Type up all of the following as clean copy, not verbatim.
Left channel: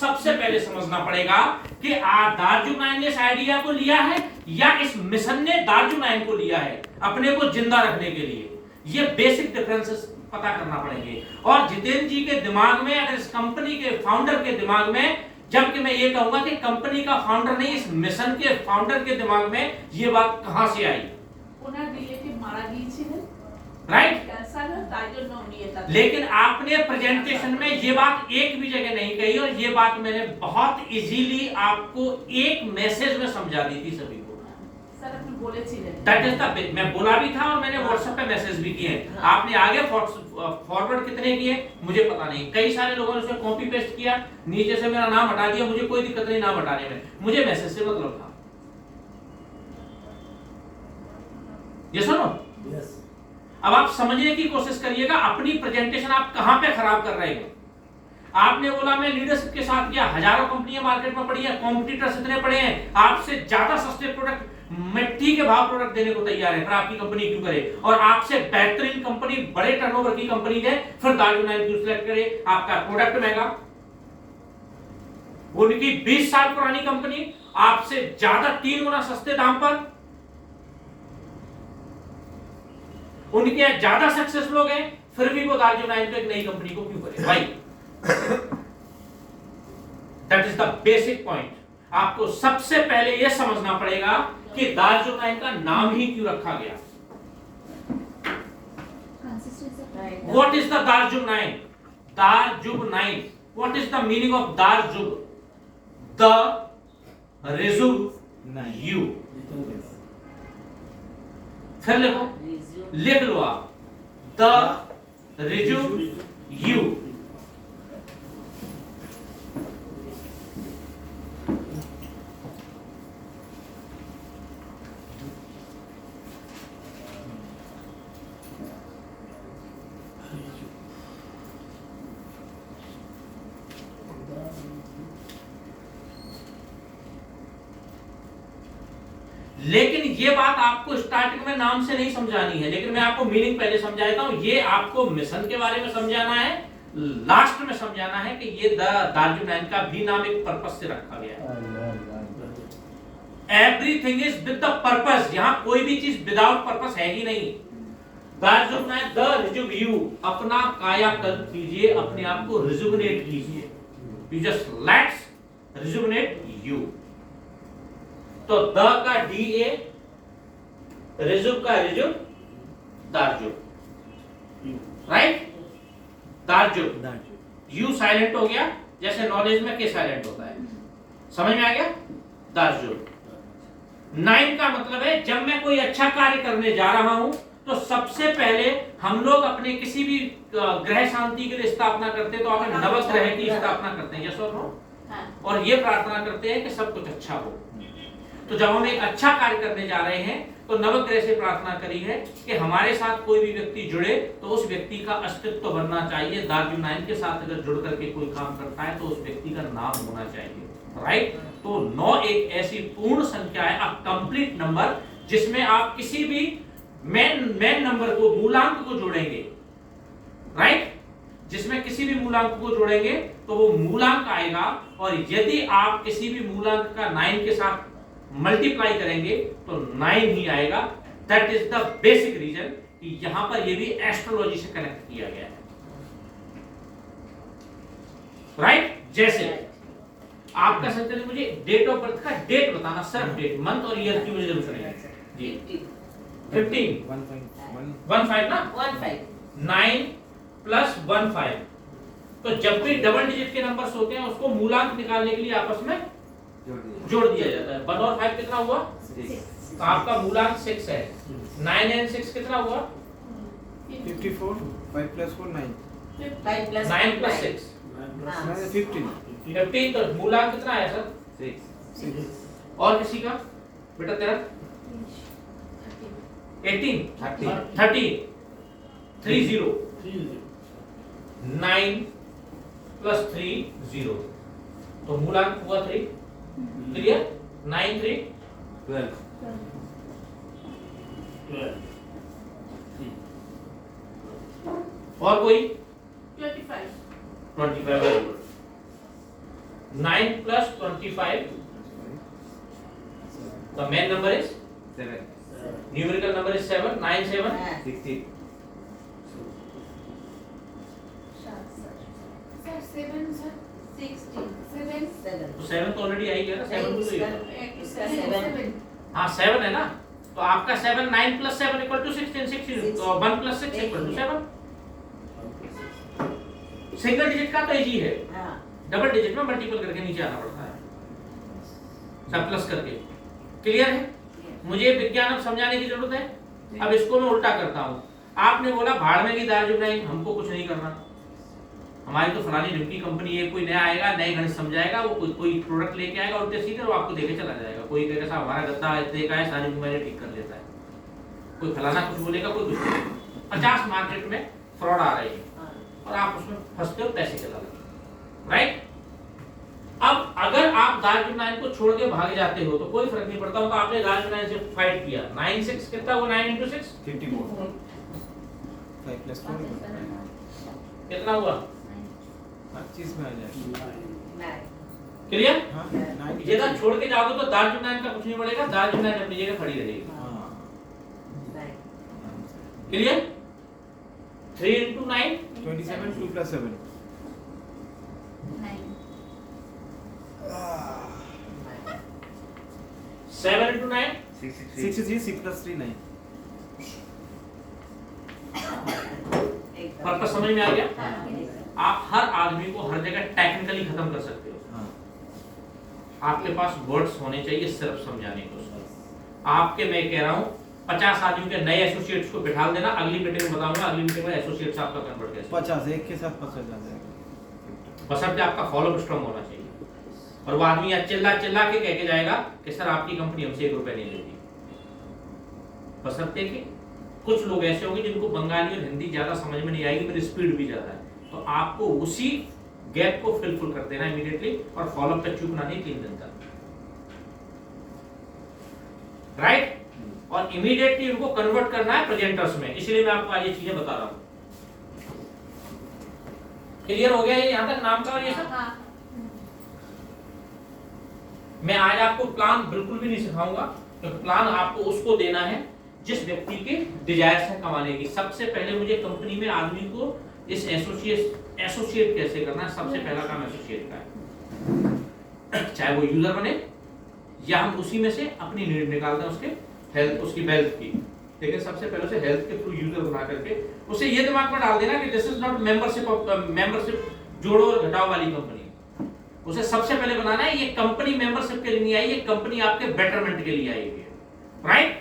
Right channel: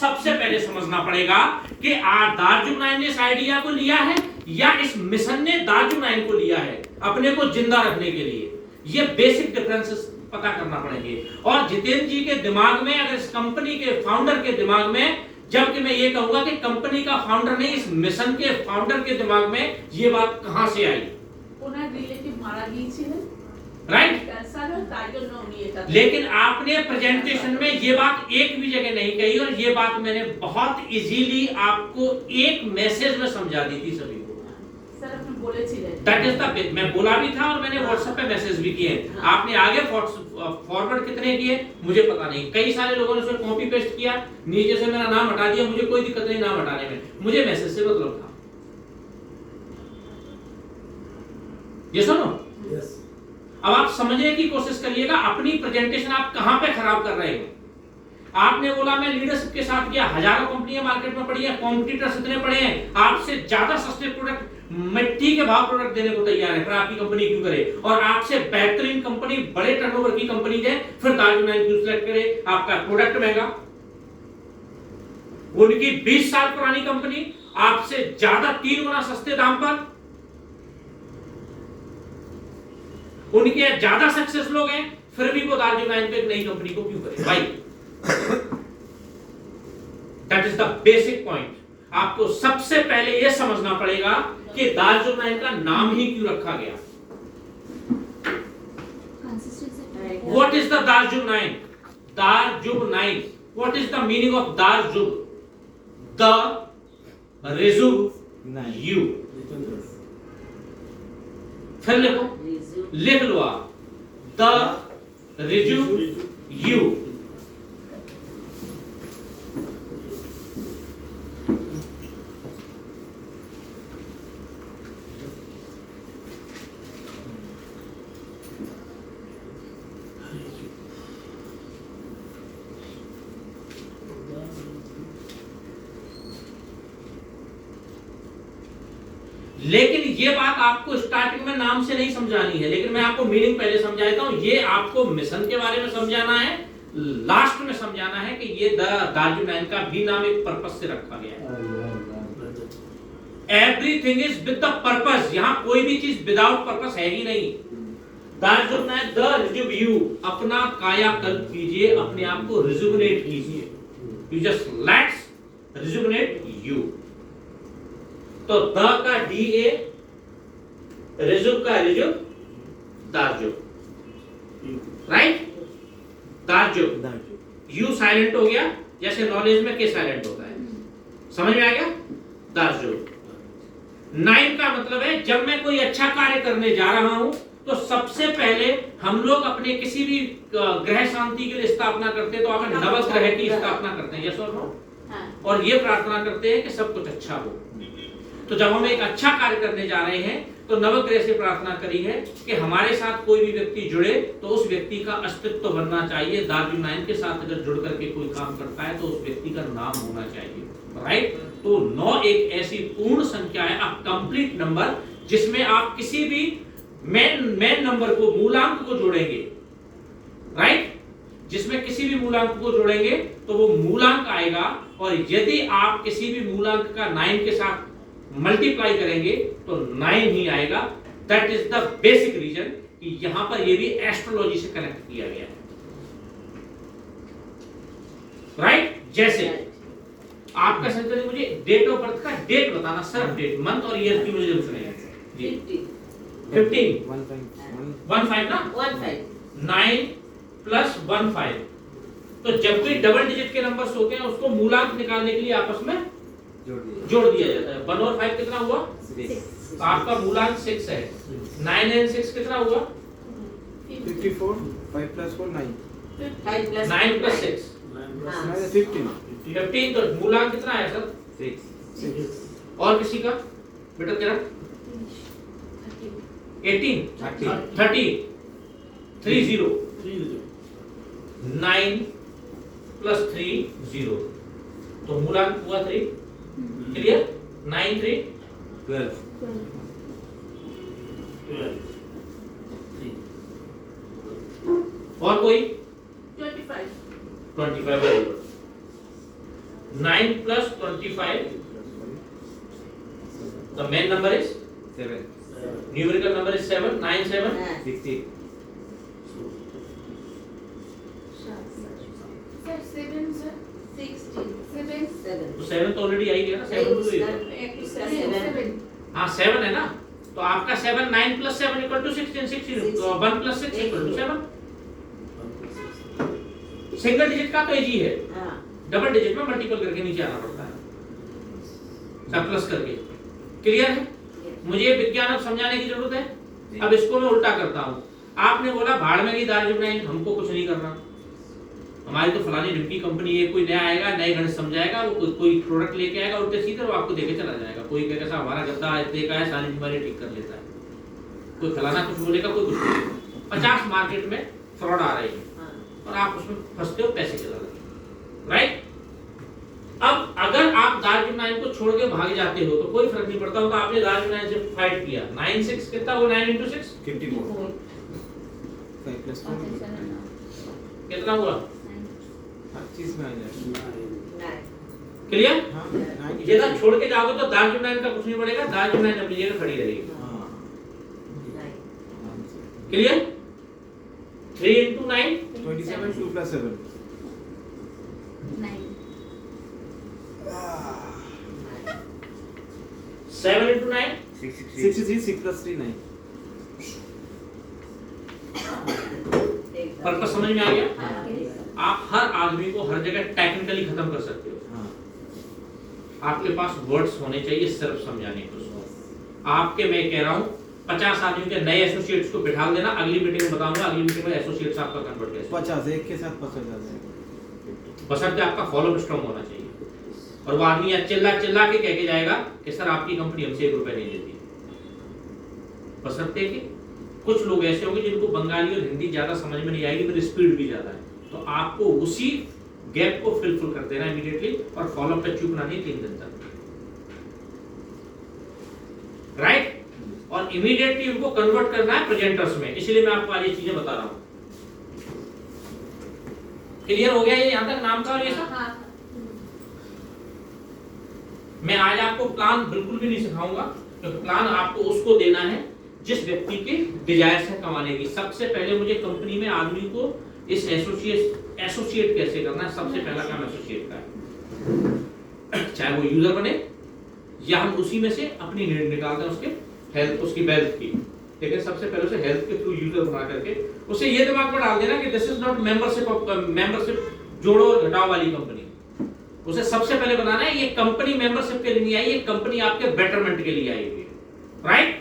सबसे पहले समझना पड़ेगा कि दारजुमनाइन ने इस आइडिया को लिया है या इस मिशन ने दारजुमनाइन को लिया है अपने को जिंदा रखने के लिए। ये बेसिक डिफरेंसेस पता करना पड़ेंगे। और जितेंद्र जी के दिमाग में, अगर इस कंपनी के फाउंडर के दिमाग में, जबकि मैं ये कहूंगा कि कंपनी का फाउंडर नहीं, इस मिशन के फाउंडर के दिमाग में ये बात कहां से आई? राइट। लेकिन आपने प्रेजेंटेशन में ये बात एक भी जगह नहीं कही, और ये बात मैंने बहुत इजीली आपको एक मैसेज में समझा दी थी सभी को। That is the, मैं बोला भी था और मैंने व्हाट्सएप पे मैसेज भी किए। आपने आगे फॉरवर्ड कितने किए मुझे पता नहीं, कई सारे लोगों ने उसमें कॉपी पेस्ट किया, नीचे से मेरा नाम हटा दिया, मुझे कोई दिक्कत नहीं नाम हटाने में, मुझे मैसेज से मतलब था। ये सुनो, अब आप समझने की कोशिश करिएगा अपनी प्रेजेंटेशन आप कहां पे खराब कर रहे हैं। आपने बोला मैं लीडरशिप के साथ गया, हजारों कंपनियां मार्केट में पड़ी हैं, कॉम्पिटिटर्स इतने पड़े हैं, आपसे ज्यादा सस्ते प्रोडक्ट, मिट्टी के भाव प्रोडक्ट देने को तैयार है, फिर आपकी कंपनी क्यों करे? और आपसे बेहतरीन कंपनी, बड़े टर्नओवर की कंपनी दे, फिर दारजुमनाइन क्यों सिलेक्ट करे? आपका प्रोडक्ट महंगा, उनकी 20 साल पुरानी कंपनी आपसे ज्यादा 3 गुना सस्ते दाम पर, उनके ज्यादा सक्सेस लोग हैं, फिर भी वो दारजुमनाइन पे एक नई कंपनी को क्यों करे भाई? That is the basic point. आपको सबसे पहले यह समझना पड़ेगा कि दारजुमनाइन का नाम ही क्यों रखा गया। व्हाट इज द दारजुमनाइन? दारजुमनाइन, what is the meaning of दारजुम? द रिजुम यू। फिर लिखो, लिख लो आप, द रिजुम यू। लेकिन ये बात आपको स्टार्टिंग में नाम से नहीं समझानी है, लेकिन मैं आपको मीनिंग पहले समझाता हूं। ये आपको मिशन के बारे में समझाना है, लास्ट में समझाना है कि ये दारजुमनाइन का भी नाम एक पर्पस से रखा गया है। Everything is with the purpose, यहां कोई भी चीज विदाउट पर्पस है ही नहीं। दारजुमनाइन, द रिजुम यू, अपना कायाकल्प कीजिए, अपने आप को रिजुमिनेट कीजिए, यू जस्ट लेट्स रिजुमिनेट यू। तो द का डी ए, रिजुम का रिजुम, दारजुम, राइट? दारजुम, यू साइलेंट हो गया, जैसे नॉलेज में के साइलेंट होता है, समझ में आ गया? दारजुम। नाइन का मतलब है जब मैं कोई अच्छा कार्य करने जा रहा हूं तो सबसे पहले हम लोग अपने किसी भी ग्रह शांति के लिए स्थापना करते हैं, तो अगर नवग्रह की स्थापना करते हैं, यस और नो, और ये प्रार्थना करते हैं कि सब कुछ अच्छा हो। तो जब हम एक अच्छा कार्य करने जा रहे हैं तो नवग्रह से प्रार्थना करी है कि हमारे साथ कोई भी व्यक्ति जुड़े तो उस व्यक्ति का अस्तित्व बनना चाहिए। दारजुमनाइन के साथ अगर जुड़ करके कोई काम करता है तो उस व्यक्ति का नाम होना चाहिए, राइट? तो 9 एक ऐसी पूर्ण संख्या है, अ कंप्लीट नंबर, जिसमें आप किसी भी मेन नंबर को, मूलांक को जोड़ेंगे, राइट? जिसमें किसी भी मूलांक को जोड़ेंगे तो वो मूलांक आएगा, और यदि आप किसी भी मूलांक का 9 के साथ मल्टीप्लाई करेंगे तो 9 ही आएगा। That is the basic reason कि यहां पर ये भी एस्ट्रोलॉजी से कनेक्ट किया गया है, राइट? जैसे आपका संकल्प, मुझे डेट ऑफ बर्थ का डेट बताना, सिर्फ डेट, मंथ और ईयर की मुझे जरूरत नहीं है जी। 15 15 ना, 9 प्लस 15। तो जब भी डबल डिजिट के नंबर्स होते हैं उसको मूलांक निकालने के लिए आपस में जोड़ दिया जाता है। 1 और 5 कितना हुआ? 6। तो आपका मूलांक 6 है। 9 and 6 कितना हुआ? 54। 5 plus 4 9। 9 plus 6 15। तो मूलांक कितना आया सर? 6। और किसी का बेटा तेरा? 18 30 30 9 plus 3 0। तो मूलांक हुआ 3। क्लियर? 9 3 12। और कोई? 25। 9 plus 25. The main number is 7. numerical number is 7. 9 7. 16. तो 7 तो ऑलरेडी आई गया ना, 7 तो ये हाँ 7 है ना, तो आपका 7 9 plus 7 equal to 16. 16 तो 1 plus 6 equal to 7. Single digit का तो इजी है, डबल डिजिट में मल्टीपल करके नीचे आना पड़ता है, सब प्लस करके. क्लियर है? मुझे विज्ञान अब समझाने की जरूरत है. अब इसको मैं उल्टा करता हूँ. आपने बोला भाड़ में की दाल जुटाई, हमको कुछ नहीं करना, हमारी तो फलानी ढिमकी कंपनी है, कोई नया आएगा नए गणित समझाएगा, वो कोई प्रोडक्ट लेके आएगा उल्टे सीधे वो आपको देके चला जाएगा. कोई कहेगा साहब हमारा गद्दा इतने का है, सारी बीमारी ठीक कर लेता है, कोई फलाना कुछ बोलेगा, कोई कुछ बोलेगा. 50 मार्केट में फ्रॉड आ रहे हैं और आप उसमें फंसते हो, पैसे चला रहे हो. राइट? अब अगर आप दार्जिलिंग 9 को छोड़ के भाग जाते हो तो कोई फर्क नहीं पड़ता. तो आपने दार्जिलिंग 9 से फाइट किया, 9 6 कितना वो 9 into 6 54. 5 plus 4 कितना हुआ? 25 में आ जाएगा. क्लियर? हाँ, ये ना छोड़ के जाओगे तो दार्जिलिंग 9 का कुछ नहीं पड़ेगा, दार्जिलिंग 9 अपनी जगह खड़ी रहेगी. Clear? 3 into 9 27. 2 plus 7. 7 into 9 63. 6 plus 3 9. Purpose समझ में आ गया? आप हर आदमी को हर जगह टेक्निकली खत्म कर सकते हो. हाँ. आपके पास वर्ड्स होने चाहिए सिर्फ समझाने को. आपके मैं कह रहा हूँ 50 आदमियों के नए एसोसिएट्स को बिठा देना, अगली मीटिंग में बताऊंगा, अगली मीटिंग में एसोसिएट्स आपका कन्वर्ट कैसे. 50 एक के साथ 50 आ जाएगा. बशर्ते आपका फॉलो स्ट्रांग होना चाहिए. और वो आदमी या चिल्ला चिल्ला के कह के जाएगा कि सर आपकी कंपनी हमसे 1 रुपए नहीं लेती. बशर्ते कि कुछ लोग ऐसे होंगे जिनको बंगाली और हिंदी ज्यादा समझ में नहीं आएगी, पर स्पीड भी ज्यादा है, तो आपको उसी गैप को फिल कर देना इमीडिएटली और फॉलो अप पे चूकना नहीं 3 दिन तक. राइट? और इमीडिएटली उनको कन्वर्ट करना है प्रेजेंटर्स में. इसलिए मैं आपको आज ये चीजें बता रहा हूं. क्लियर हो गया ये यहां तक नाम का और ये सब? मैं आज आपको प्लान बिल्कुल भी नहीं सिखाऊंगा, क्योंकि प्लान आपको उसको देना है जिस व्यक्ति के डिजायर है कमाने की. सबसे पहले मुझे कंपनी में आदमी को इस एसोसिएट कैसे करना है, सबसे पहला काम एसोसिएट का है. चाहे वो यूजर बने या हम उसी में से अपनी नीड निकालते हैं, उसके हेल्थ उसकी वेल्थ की. लेकिन सबसे पहले उसे हेल्थ के थ्रू यूजर बना करके उसे ये दिमाग में डाल देना कि दिस इज नॉट मेंबरशिप जोड़ो और घटाओ वाली कंपनी. उसे सबसे पहले बताना है ये कंपनी मेंबरशिप के लिए नहीं आई, ये कंपनी आपके बेटरमेंट के लिए आई है. राइट?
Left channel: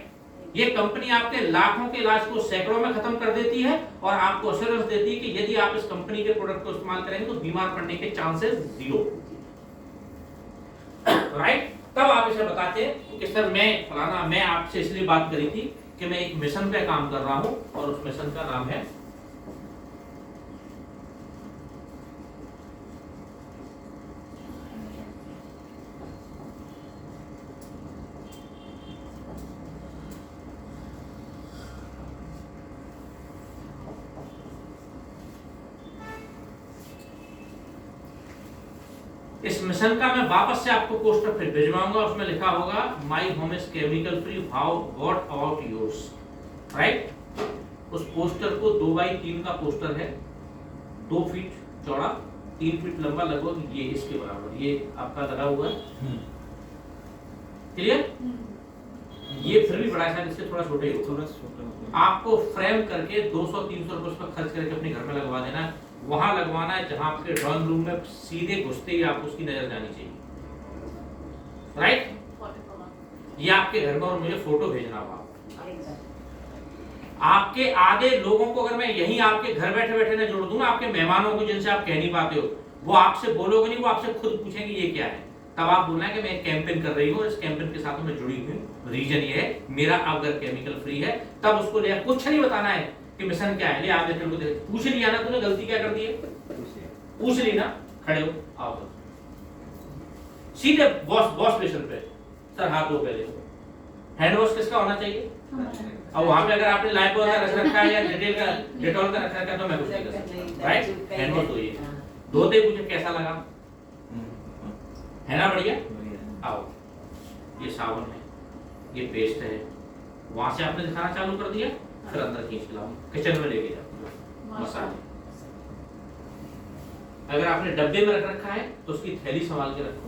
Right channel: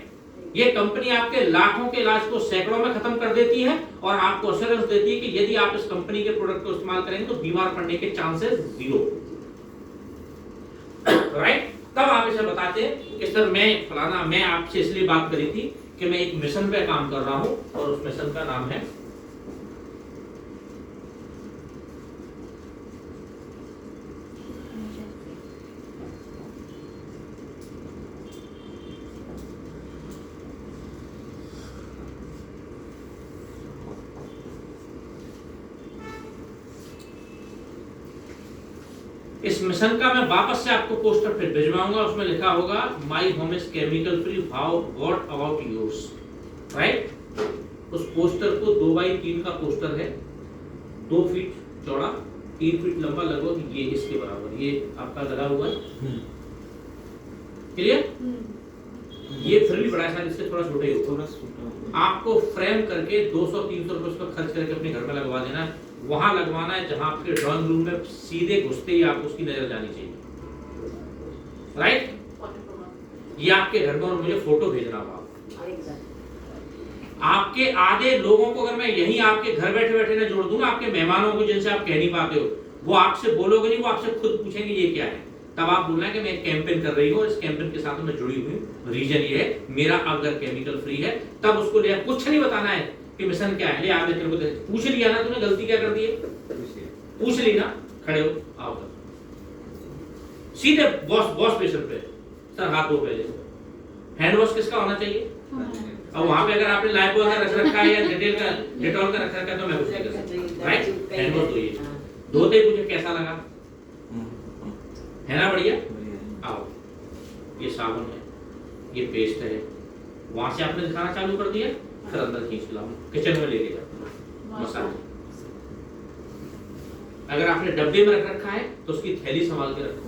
ये कंपनी आपके लाखों के इलाज को सैकड़ों में खत्म कर देती है और आपको एश्योरेंस देती है कि यदि आप इस कंपनी के प्रोडक्ट को इस्तेमाल करेंगे तो बीमार पड़ने के चांसेस 0. राइट? तब आप इसे बताते हैं कि सर मैं आपसे इसलिए बात करी थी कि मैं एक मिशन पे काम कर रहा हूं और उस मिशन का नाम है इस मिशन का मैं वापस से आपको पोस्टर फिर भिजवाऊंगा. उसमें लिखा होगा my home is chemical free, how what about yours. Right? उस पोस्टर को 2x3 का पोस्टर है, 2 फीट चौड़ा, 3 फीट लंबा, लगभग ये इसके बराबर ये आपका लगा हुआ है. क्लियर? ये फिर भी बड़ा है, इससे थोड़ा छोटे ही होगा. आपको फ्रेम करके 200-300 रुपए पर खर्च करके अपने घर में लगवा देना है. वहां लगवाना है जहां आपके ड्राइंग रूम में सीधे घुसते ही आपको उसकी नजर जानी चाहिए. राइट? ये आपके घर में और मुझे फोटो भेजना होगा. आपके आधे लोगों को अगर मैं यहीं आपके घर बैठे बैठे ना जोड़ दूं ना, आपके मेहमानों को जिनसे आप कह नहीं पाते हो, वो आपसे बोलोगे नहीं, वो आपसे खुद पूछेंगे ये क्या है. तब आप बोलना है कि मैं एक कैंपेन कर रही हूँ, इस कैंपेन के साथ मैं जुड़ी हुई हूँ, रीजन ये है मेरा अगर केमिकल फ्री है. तब उसको ले कुछ नहीं बताना है कि मिशन क्या है. ले आपने तेरे को पूछ लिया ना, तूने गलती क्या कर दी है, पूछ ली ना, खड़े हो आओ सीधे वॉश बेसिन पे. सर हाथ धो पहले. हैंड वॉश किसका होना चाहिए? अब वहां पे अगर आपने लाइफबॉय का रख रखा है या डेटॉल का रख रखा है तो मैं कुछ नहीं कर सकता. राइट? हैंड वॉश धोइए. धोते पूछे कैसा लगा, है ना बढ़िया। बढ़िया। आओ, ये साबुन है, ये पेस्ट है, वहां से आपने दिखाना चालू कर दिया, फिर अंदर खींच के लाओ, किचन में लेके जाओ मसाले। अगर आपने डब्बे में रख रखा है तो उसकी थैली संभाल के रखो,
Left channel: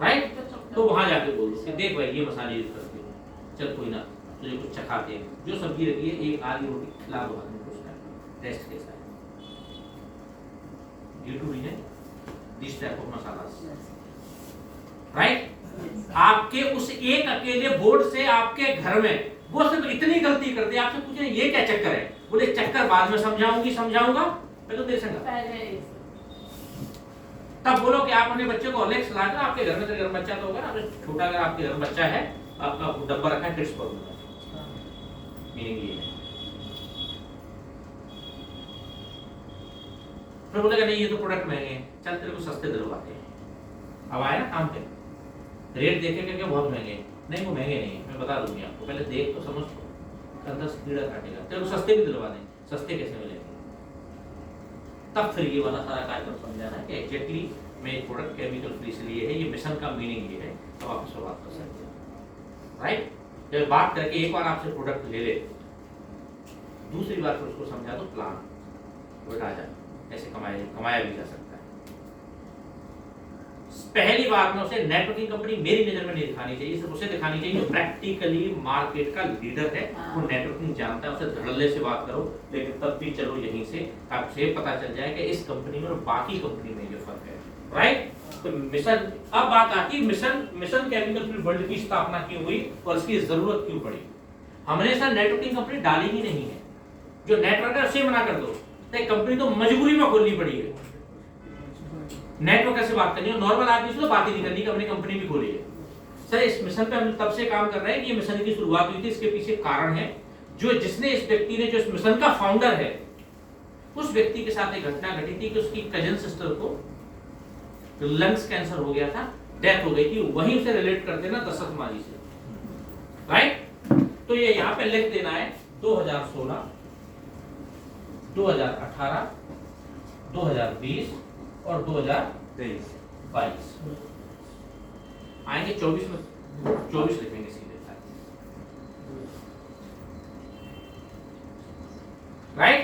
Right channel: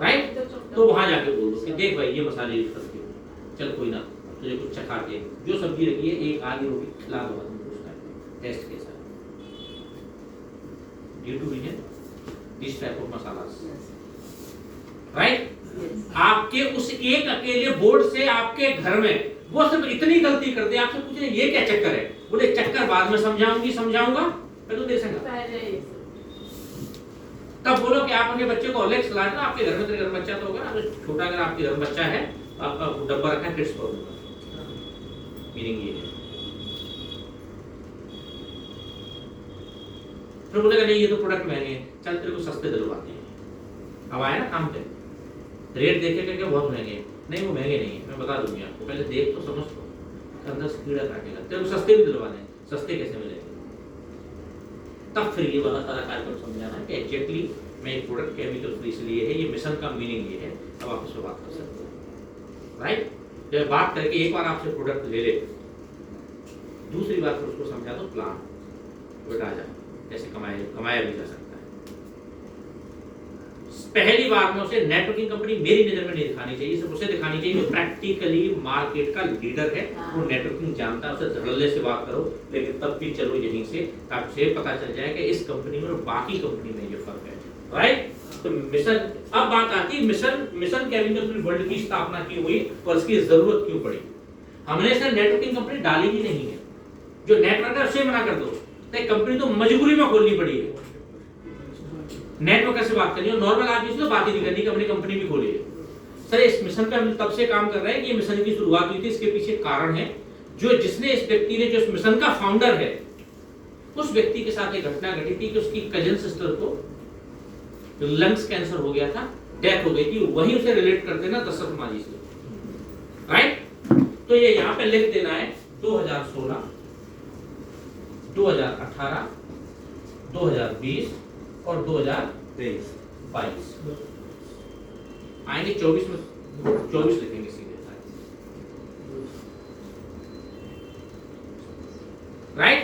राइट। तो वहां जाके बोल दो कि देख भाई ये मसाले यूज करते हो, चल कोई ना तुझे कुछ चखा के जो सब्जी रखी है एक आधी रोटी खिला दो आदमी को उसका टेस्ट कैसा है। ड्यू टू है this type of masala, right. आपके उस एक अकेले बोर्ड से आपके घर में वो सिर्फ इतनी गलती कर दे, आपसे पूछे ये क्या चक्कर है, बोले चक्कर बाद में समझाऊंगा मैं तो दे सकूंगा। तब बोलो कि आप अपने बच्चे को हॉर्लिक्स खिला दो, आपके घर में तो घर में बच्चा तो होगा ना, छोटा अगर आपके घर में बच्चा है आपका डब्बा रखा है किड्स पाउडर का, मीनिंग ये है। फिर बोलेगा नहीं ये तो प्रोडक्ट महंगे हैं, चल तेरे को सस्ते दिलवाते हैं। अब आया ना काम पे, रेट देखे क्या बहुत महंगे हैं, नहीं वो महंगे नहीं है, मैं बता दूंगी आपको, पहले देख तो समझ तो, अंदर से कीड़ा काटेगा, तेरे को सस्ते भी दिलवा दें, सस्ते कैसे मिलेंगे। तब फिर ये वाला सारा कार्यक्रम समझाना कि एग्जैक्टली मैं एक प्रोडक्ट केमिकल फ्री इसलिए है, ये मिशन का मीनिंग ये है, तब आप इस पर बात कर सकते हैं, राइट। जब बात करके एक बार आपसे प्रोडक्ट ले ले, दूसरी बार फिर उसको समझा दो प्लान, तो आ जाए कैसे कमाया भी जा सकता है। पहली बार में उसे नेटवर्किंग कंपनी मेरी नजर में नहीं दिखानी चाहिए, सिर्फ उसे दिखानी चाहिए जो प्रैक्टिकली मार्केट का लीडर है, वो नेटवर्किंग जानता है, उसे धड़ल्ले से बात करो, लेकिन तब भी चलो यहीं से ताकि पता चल जाए कि इस कंपनी में और बाकी कंपनी में ये फर्क है, राइट। तो मिशन, अब बात आती है मिशन केमिकल फ्री वर्ल्ड की स्थापना क्यों हुई और इसकी जरूरत क्यों पड़ी। हमने सर नेटवर्किंग कंपनी डाली ही नहीं है, जो नेटवर्क है उसे मना कर दो, तो कंपनी तो मजबूरी में खोलनी पड़ी है। नेटवर्क कैसे बात करिए, नॉर्मल आदमी से तो बात ही नहीं करनी कि अपनी कंपनी भी खोली है। सर इस मिशन पे हम तब से काम कर रहे हैं, ये मिशन की शुरुआत हुई थी, इसके पीछे कारण है जो जिसने इस व्यक्ति ने जो इस मिशन का फाउंडर है उस व्यक्ति के साथ एक घटना घटी थी कि उसकी कजन सिस्टर को लंग्स कैंसर हो गया था, डेथ हो गई थी, वही उसे रिलेट करते ना दशरथ माझी से, राइट। तो ये यहाँ पे लिख देना है 2016, 2018, 2020 और 2023 आएंगे 24 में, 24 लिखेंगे सीधे, राइट।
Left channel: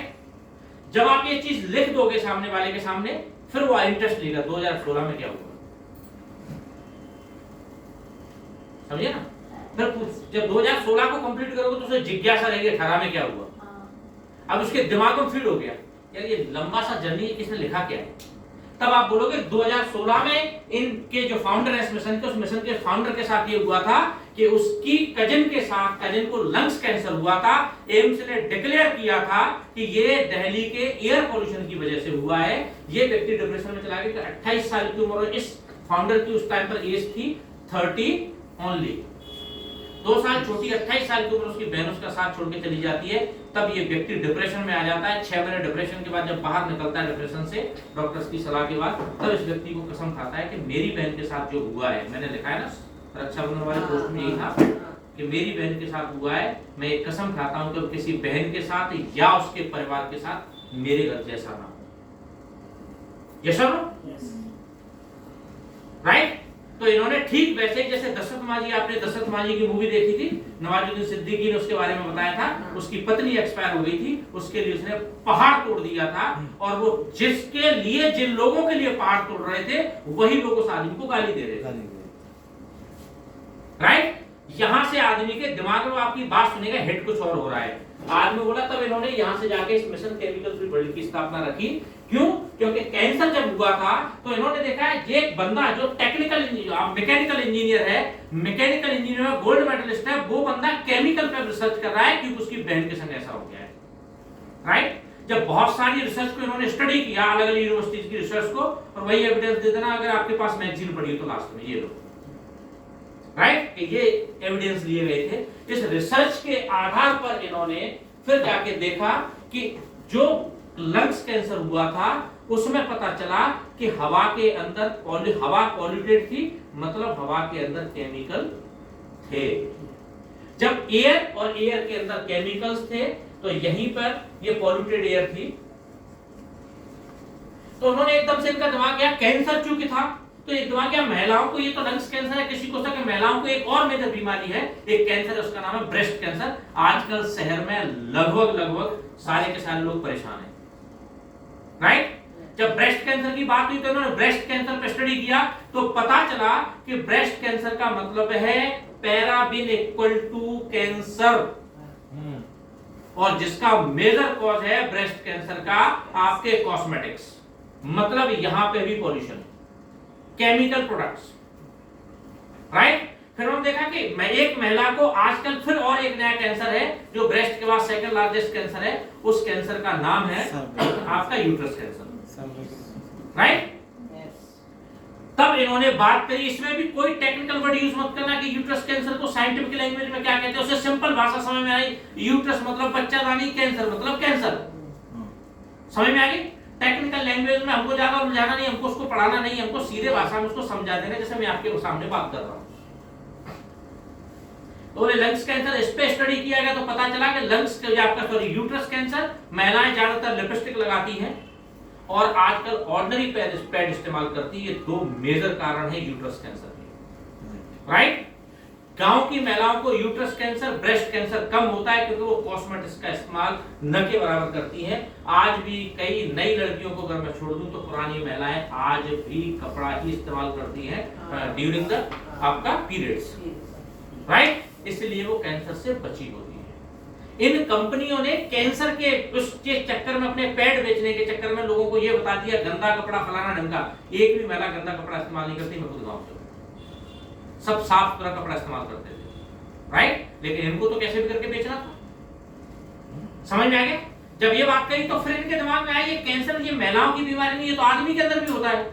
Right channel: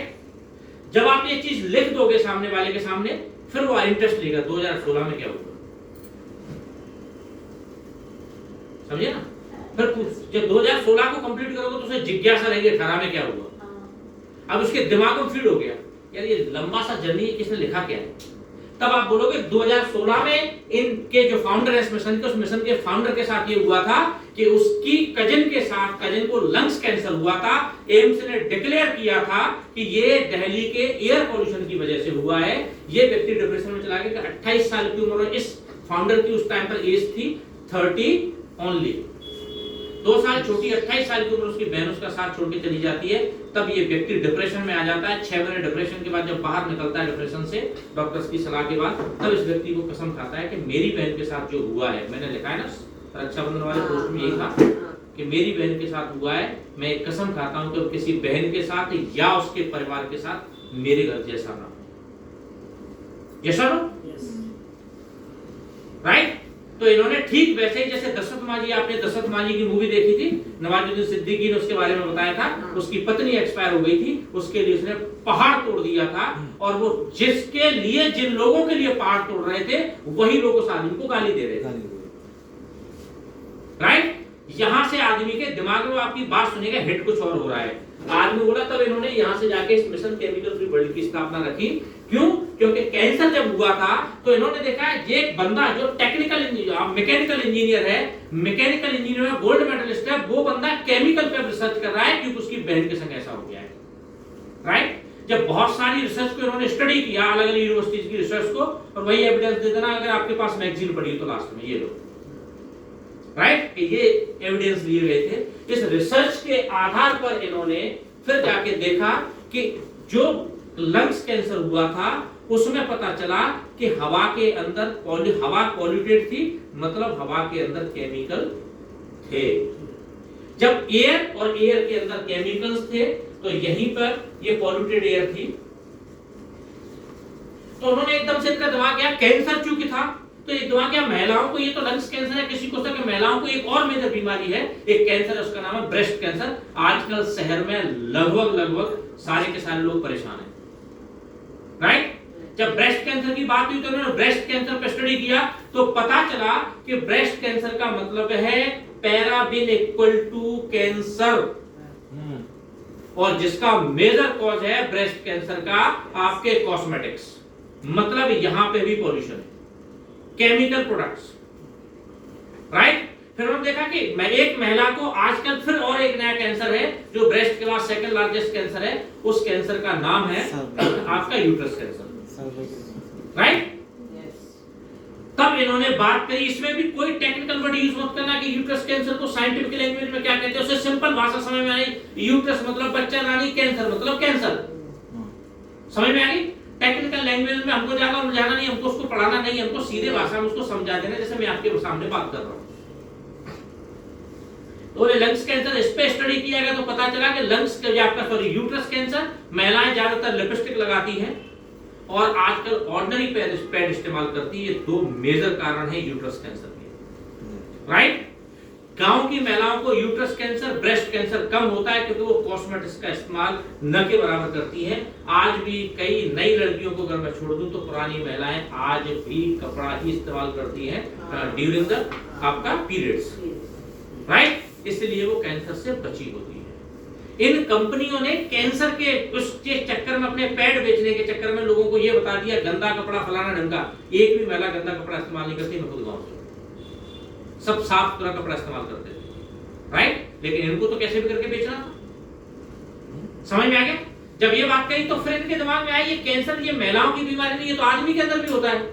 जब आप ये चीज लिख दोगे सामने वाले के सामने, फिर वो इंटरेस्ट लेगा 2016 में क्या हुआ, समझे ना। फिर जब 2016 को कंप्लीट करोगे तो उसे जिज्ञासा रहेगी 18 में क्या हुआ। अब उसके दिमाग में फीड हो गया यार ये लंबा सा जर्नी किसने लिखा क्या है, तब आप बोलोगे 2016 में इनके जो फाउंडर है इस मिशन के, उस मिशन के फाउंडर के साथ ये हुआ था कि उसकी कजन के साथ, कजन को लंग्स कैंसर हुआ था, एम्स ने डिक्लेयर किया था कि ये दिल्ली के एयर पोल्यूशन की वजह से हुआ है। ये व्यक्ति डिप्रेशन में चला गया, 28 साल की उम्र, इस फाउंडर की उस टाइम पर एज थी 30 ओनली, 2 साल छोटी, 28 साल की उम्र, उसकी बहन उसका साथ छोड़ के चली जाती है। तब ये व्यक्ति डिप्रेशन में आ जाता है। 6 महीने डिप्रेशन के बाद जब बाहर निकलता है डिप्रेशन से डॉक्टर्स की सलाह के बाद, तब इस व्यक्ति को कसम खाता है कि मेरी बहन के साथ जो हुआ है, मैंने लिखा है ना रक्षाबंधन वाले पोस्ट में यही था कि मेरी बहन के साथ हुआ है, मैं एक कसम खाता हूं कि किसी बहन के साथ या उसके परिवार के साथ मेरे घर जैसा ना हो। यस और नो, राइट। तो इन्होंने ठीक वैसे जैसे दशरथ माझी, आपने दशरथ माझी की मूवी देखी थी, नवाजुद्दीन सिद्दीकी ने उसके बारे में बताया था, उसकी पत्नी एक्सपायर हो गई थी, उसके लिए उसने पहाड़ तोड़ दिया था, और वो जिसके लिए, जिन लोगों के लिए पहाड़ तोड़ रहे थे, वही लोग उस आदमी को गाली दे रहे थे, राइट। यहां से आदमी के दिमाग में आपकी बात सुनेगा, हिट कुछ और हो रहा है, आदमी बोला। तब इन्होंने यहां से जाके इस मिशन केमिकल फ्री वर्ल्ड की स्थापना रखी। क्यों? क्योंकि कैंसर जब हुआ था तो इन्होंने देखा है ये एक बंदा जो टेक्निकल मैकेनिकल इंजीनियर है, मैकेनिकल इंजीनियर में गोल्ड मेडलिस्ट है, वो बंदा केमिकल पे रिसर्च कर रहा है क्योंकि उसकी बहन के संग ऐसा हो गया है, राइट। जब बहुत सारी रिसर्च को इन्होंने स्टडी किया, अलग अलग यूनिवर्सिटीज की रिसर्च को, और वही एविडेंस दे देना, अगर आपके पास मैगजीन पड़ी तो लास्ट में ये लो, राइट, कि ये एविडेंस लिए गए थे। इस रिसर्च के आधार पर इन्होंने फिर जाके देखा कि जो लंग्स कैंसर हुआ था उसमें पता चला कि हवा के अंदर हवा पॉल्यूटेड थी, मतलब हवा के अंदर केमिकल थे। जब एयर और एयर के अंदर केमिकल्स थे तो यहीं पर ये पॉल्यूटेड एयर थी, तो उन्होंने एकदम से इनका दिमाग गया कैंसर चूंकि था, तो एक दिमाग गया महिलाओं को ये तो लंग्स कैंसर है, किसी को सके महिलाओं को एक और मेजर बीमारी है, एक कैंसर है, उसका नाम है ब्रेस्ट कैंसर। आजकल शहर में लगभग सारे के सारे लोग परेशान हैं, राइट। जब ब्रेस्ट कैंसर की बात हुई तो इन्होंने ब्रेस्ट कैंसर पे स्टडी किया, तो पता चला कि ब्रेस्ट कैंसर का मतलब है पैराबिन इक्वल टू कैंसर, और जिसका मेजर कॉज है ब्रेस्ट कैंसर का आपके कॉस्मेटिक्स, मतलब यहां पे भी पॉल्यूशन, केमिकल प्रोडक्ट्स, राइट। फिर हमने देखा कि एक महिला को आजकल फिर और एक नया कैंसर है जो ब्रेस्ट के बाद सेकंड लार्जेस्ट कैंसर है, उस कैंसर का नाम है आपका यूट्रस कैंसर, राइट। तब इन्होंने बात करी, इसमें भी कोई टेक्निकल वर्ड यूज मत करना कि यूट्रस कैंसर को साइंटिफिक लैंग्वेज में क्या कहते हैं, उसे सिंपल भाषा समझ में आई। यूट्रस मतलब बच्चा दानी, कैंसर मतलब कैंसर, समझ में आ गई। टेक्निकल लैंग्वेज में हमको ज्यादा उलझाना नहीं, हमको उसको पढ़ाना नहीं, हमको सीधे भाषा में उसको समझा देना, जैसे मैं आपके सामने बात कर रहा हूं। तो लंग्स कैंसर इस पे स्टडी किया गया, तो पता चला कि लंग्स के आपका सॉरी यूट्रस कैंसर, महिलाएं ज्यादातर लिपस्टिक लगाती हैं और आजकल ऑर्डिनरी पैड इस्तेमाल करती है, ये दो मेजर कारण है यूट्रस कैंसर के, राइट। गांव की महिलाओं को यूट्रस कैंसर, ब्रेस्ट कैंसर कम होता है क्योंकि वो कॉस्मेटिक्स का इस्तेमाल न के बराबर करती हैं। आज भी कई नई लड़कियों को अगर मैं छोड़ दूं तो पुरानी महिलाएं आज भी कपड़ा ही इस्तेमाल करती हैं ड्यूरिंग द आपका पीरियड्स, राइट। इसलिए वो कैंसर से बची होती है। इन कंपनियों ने कैंसर के उस चक्कर में, अपने पैड बेचने के चक्कर में लोगों को ये बता दिया गंदा कपड़ा फलाना ढंगा। एक भी महिला गंदा कपड़ा इस्तेमाल नहीं करती, मैं खुद गांव से, सब साफ सुथरा कपड़ा इस्तेमाल करते थे, राइट। लेकिन इनको तो कैसे भी करके बेचना था, समझ में आ गया। जब ये बात कही तो फिर इनके दिमाग में आया ये कैंसर ये महिलाओं की बीमारी नहीं है, तो आदमी के अंदर भी होता है।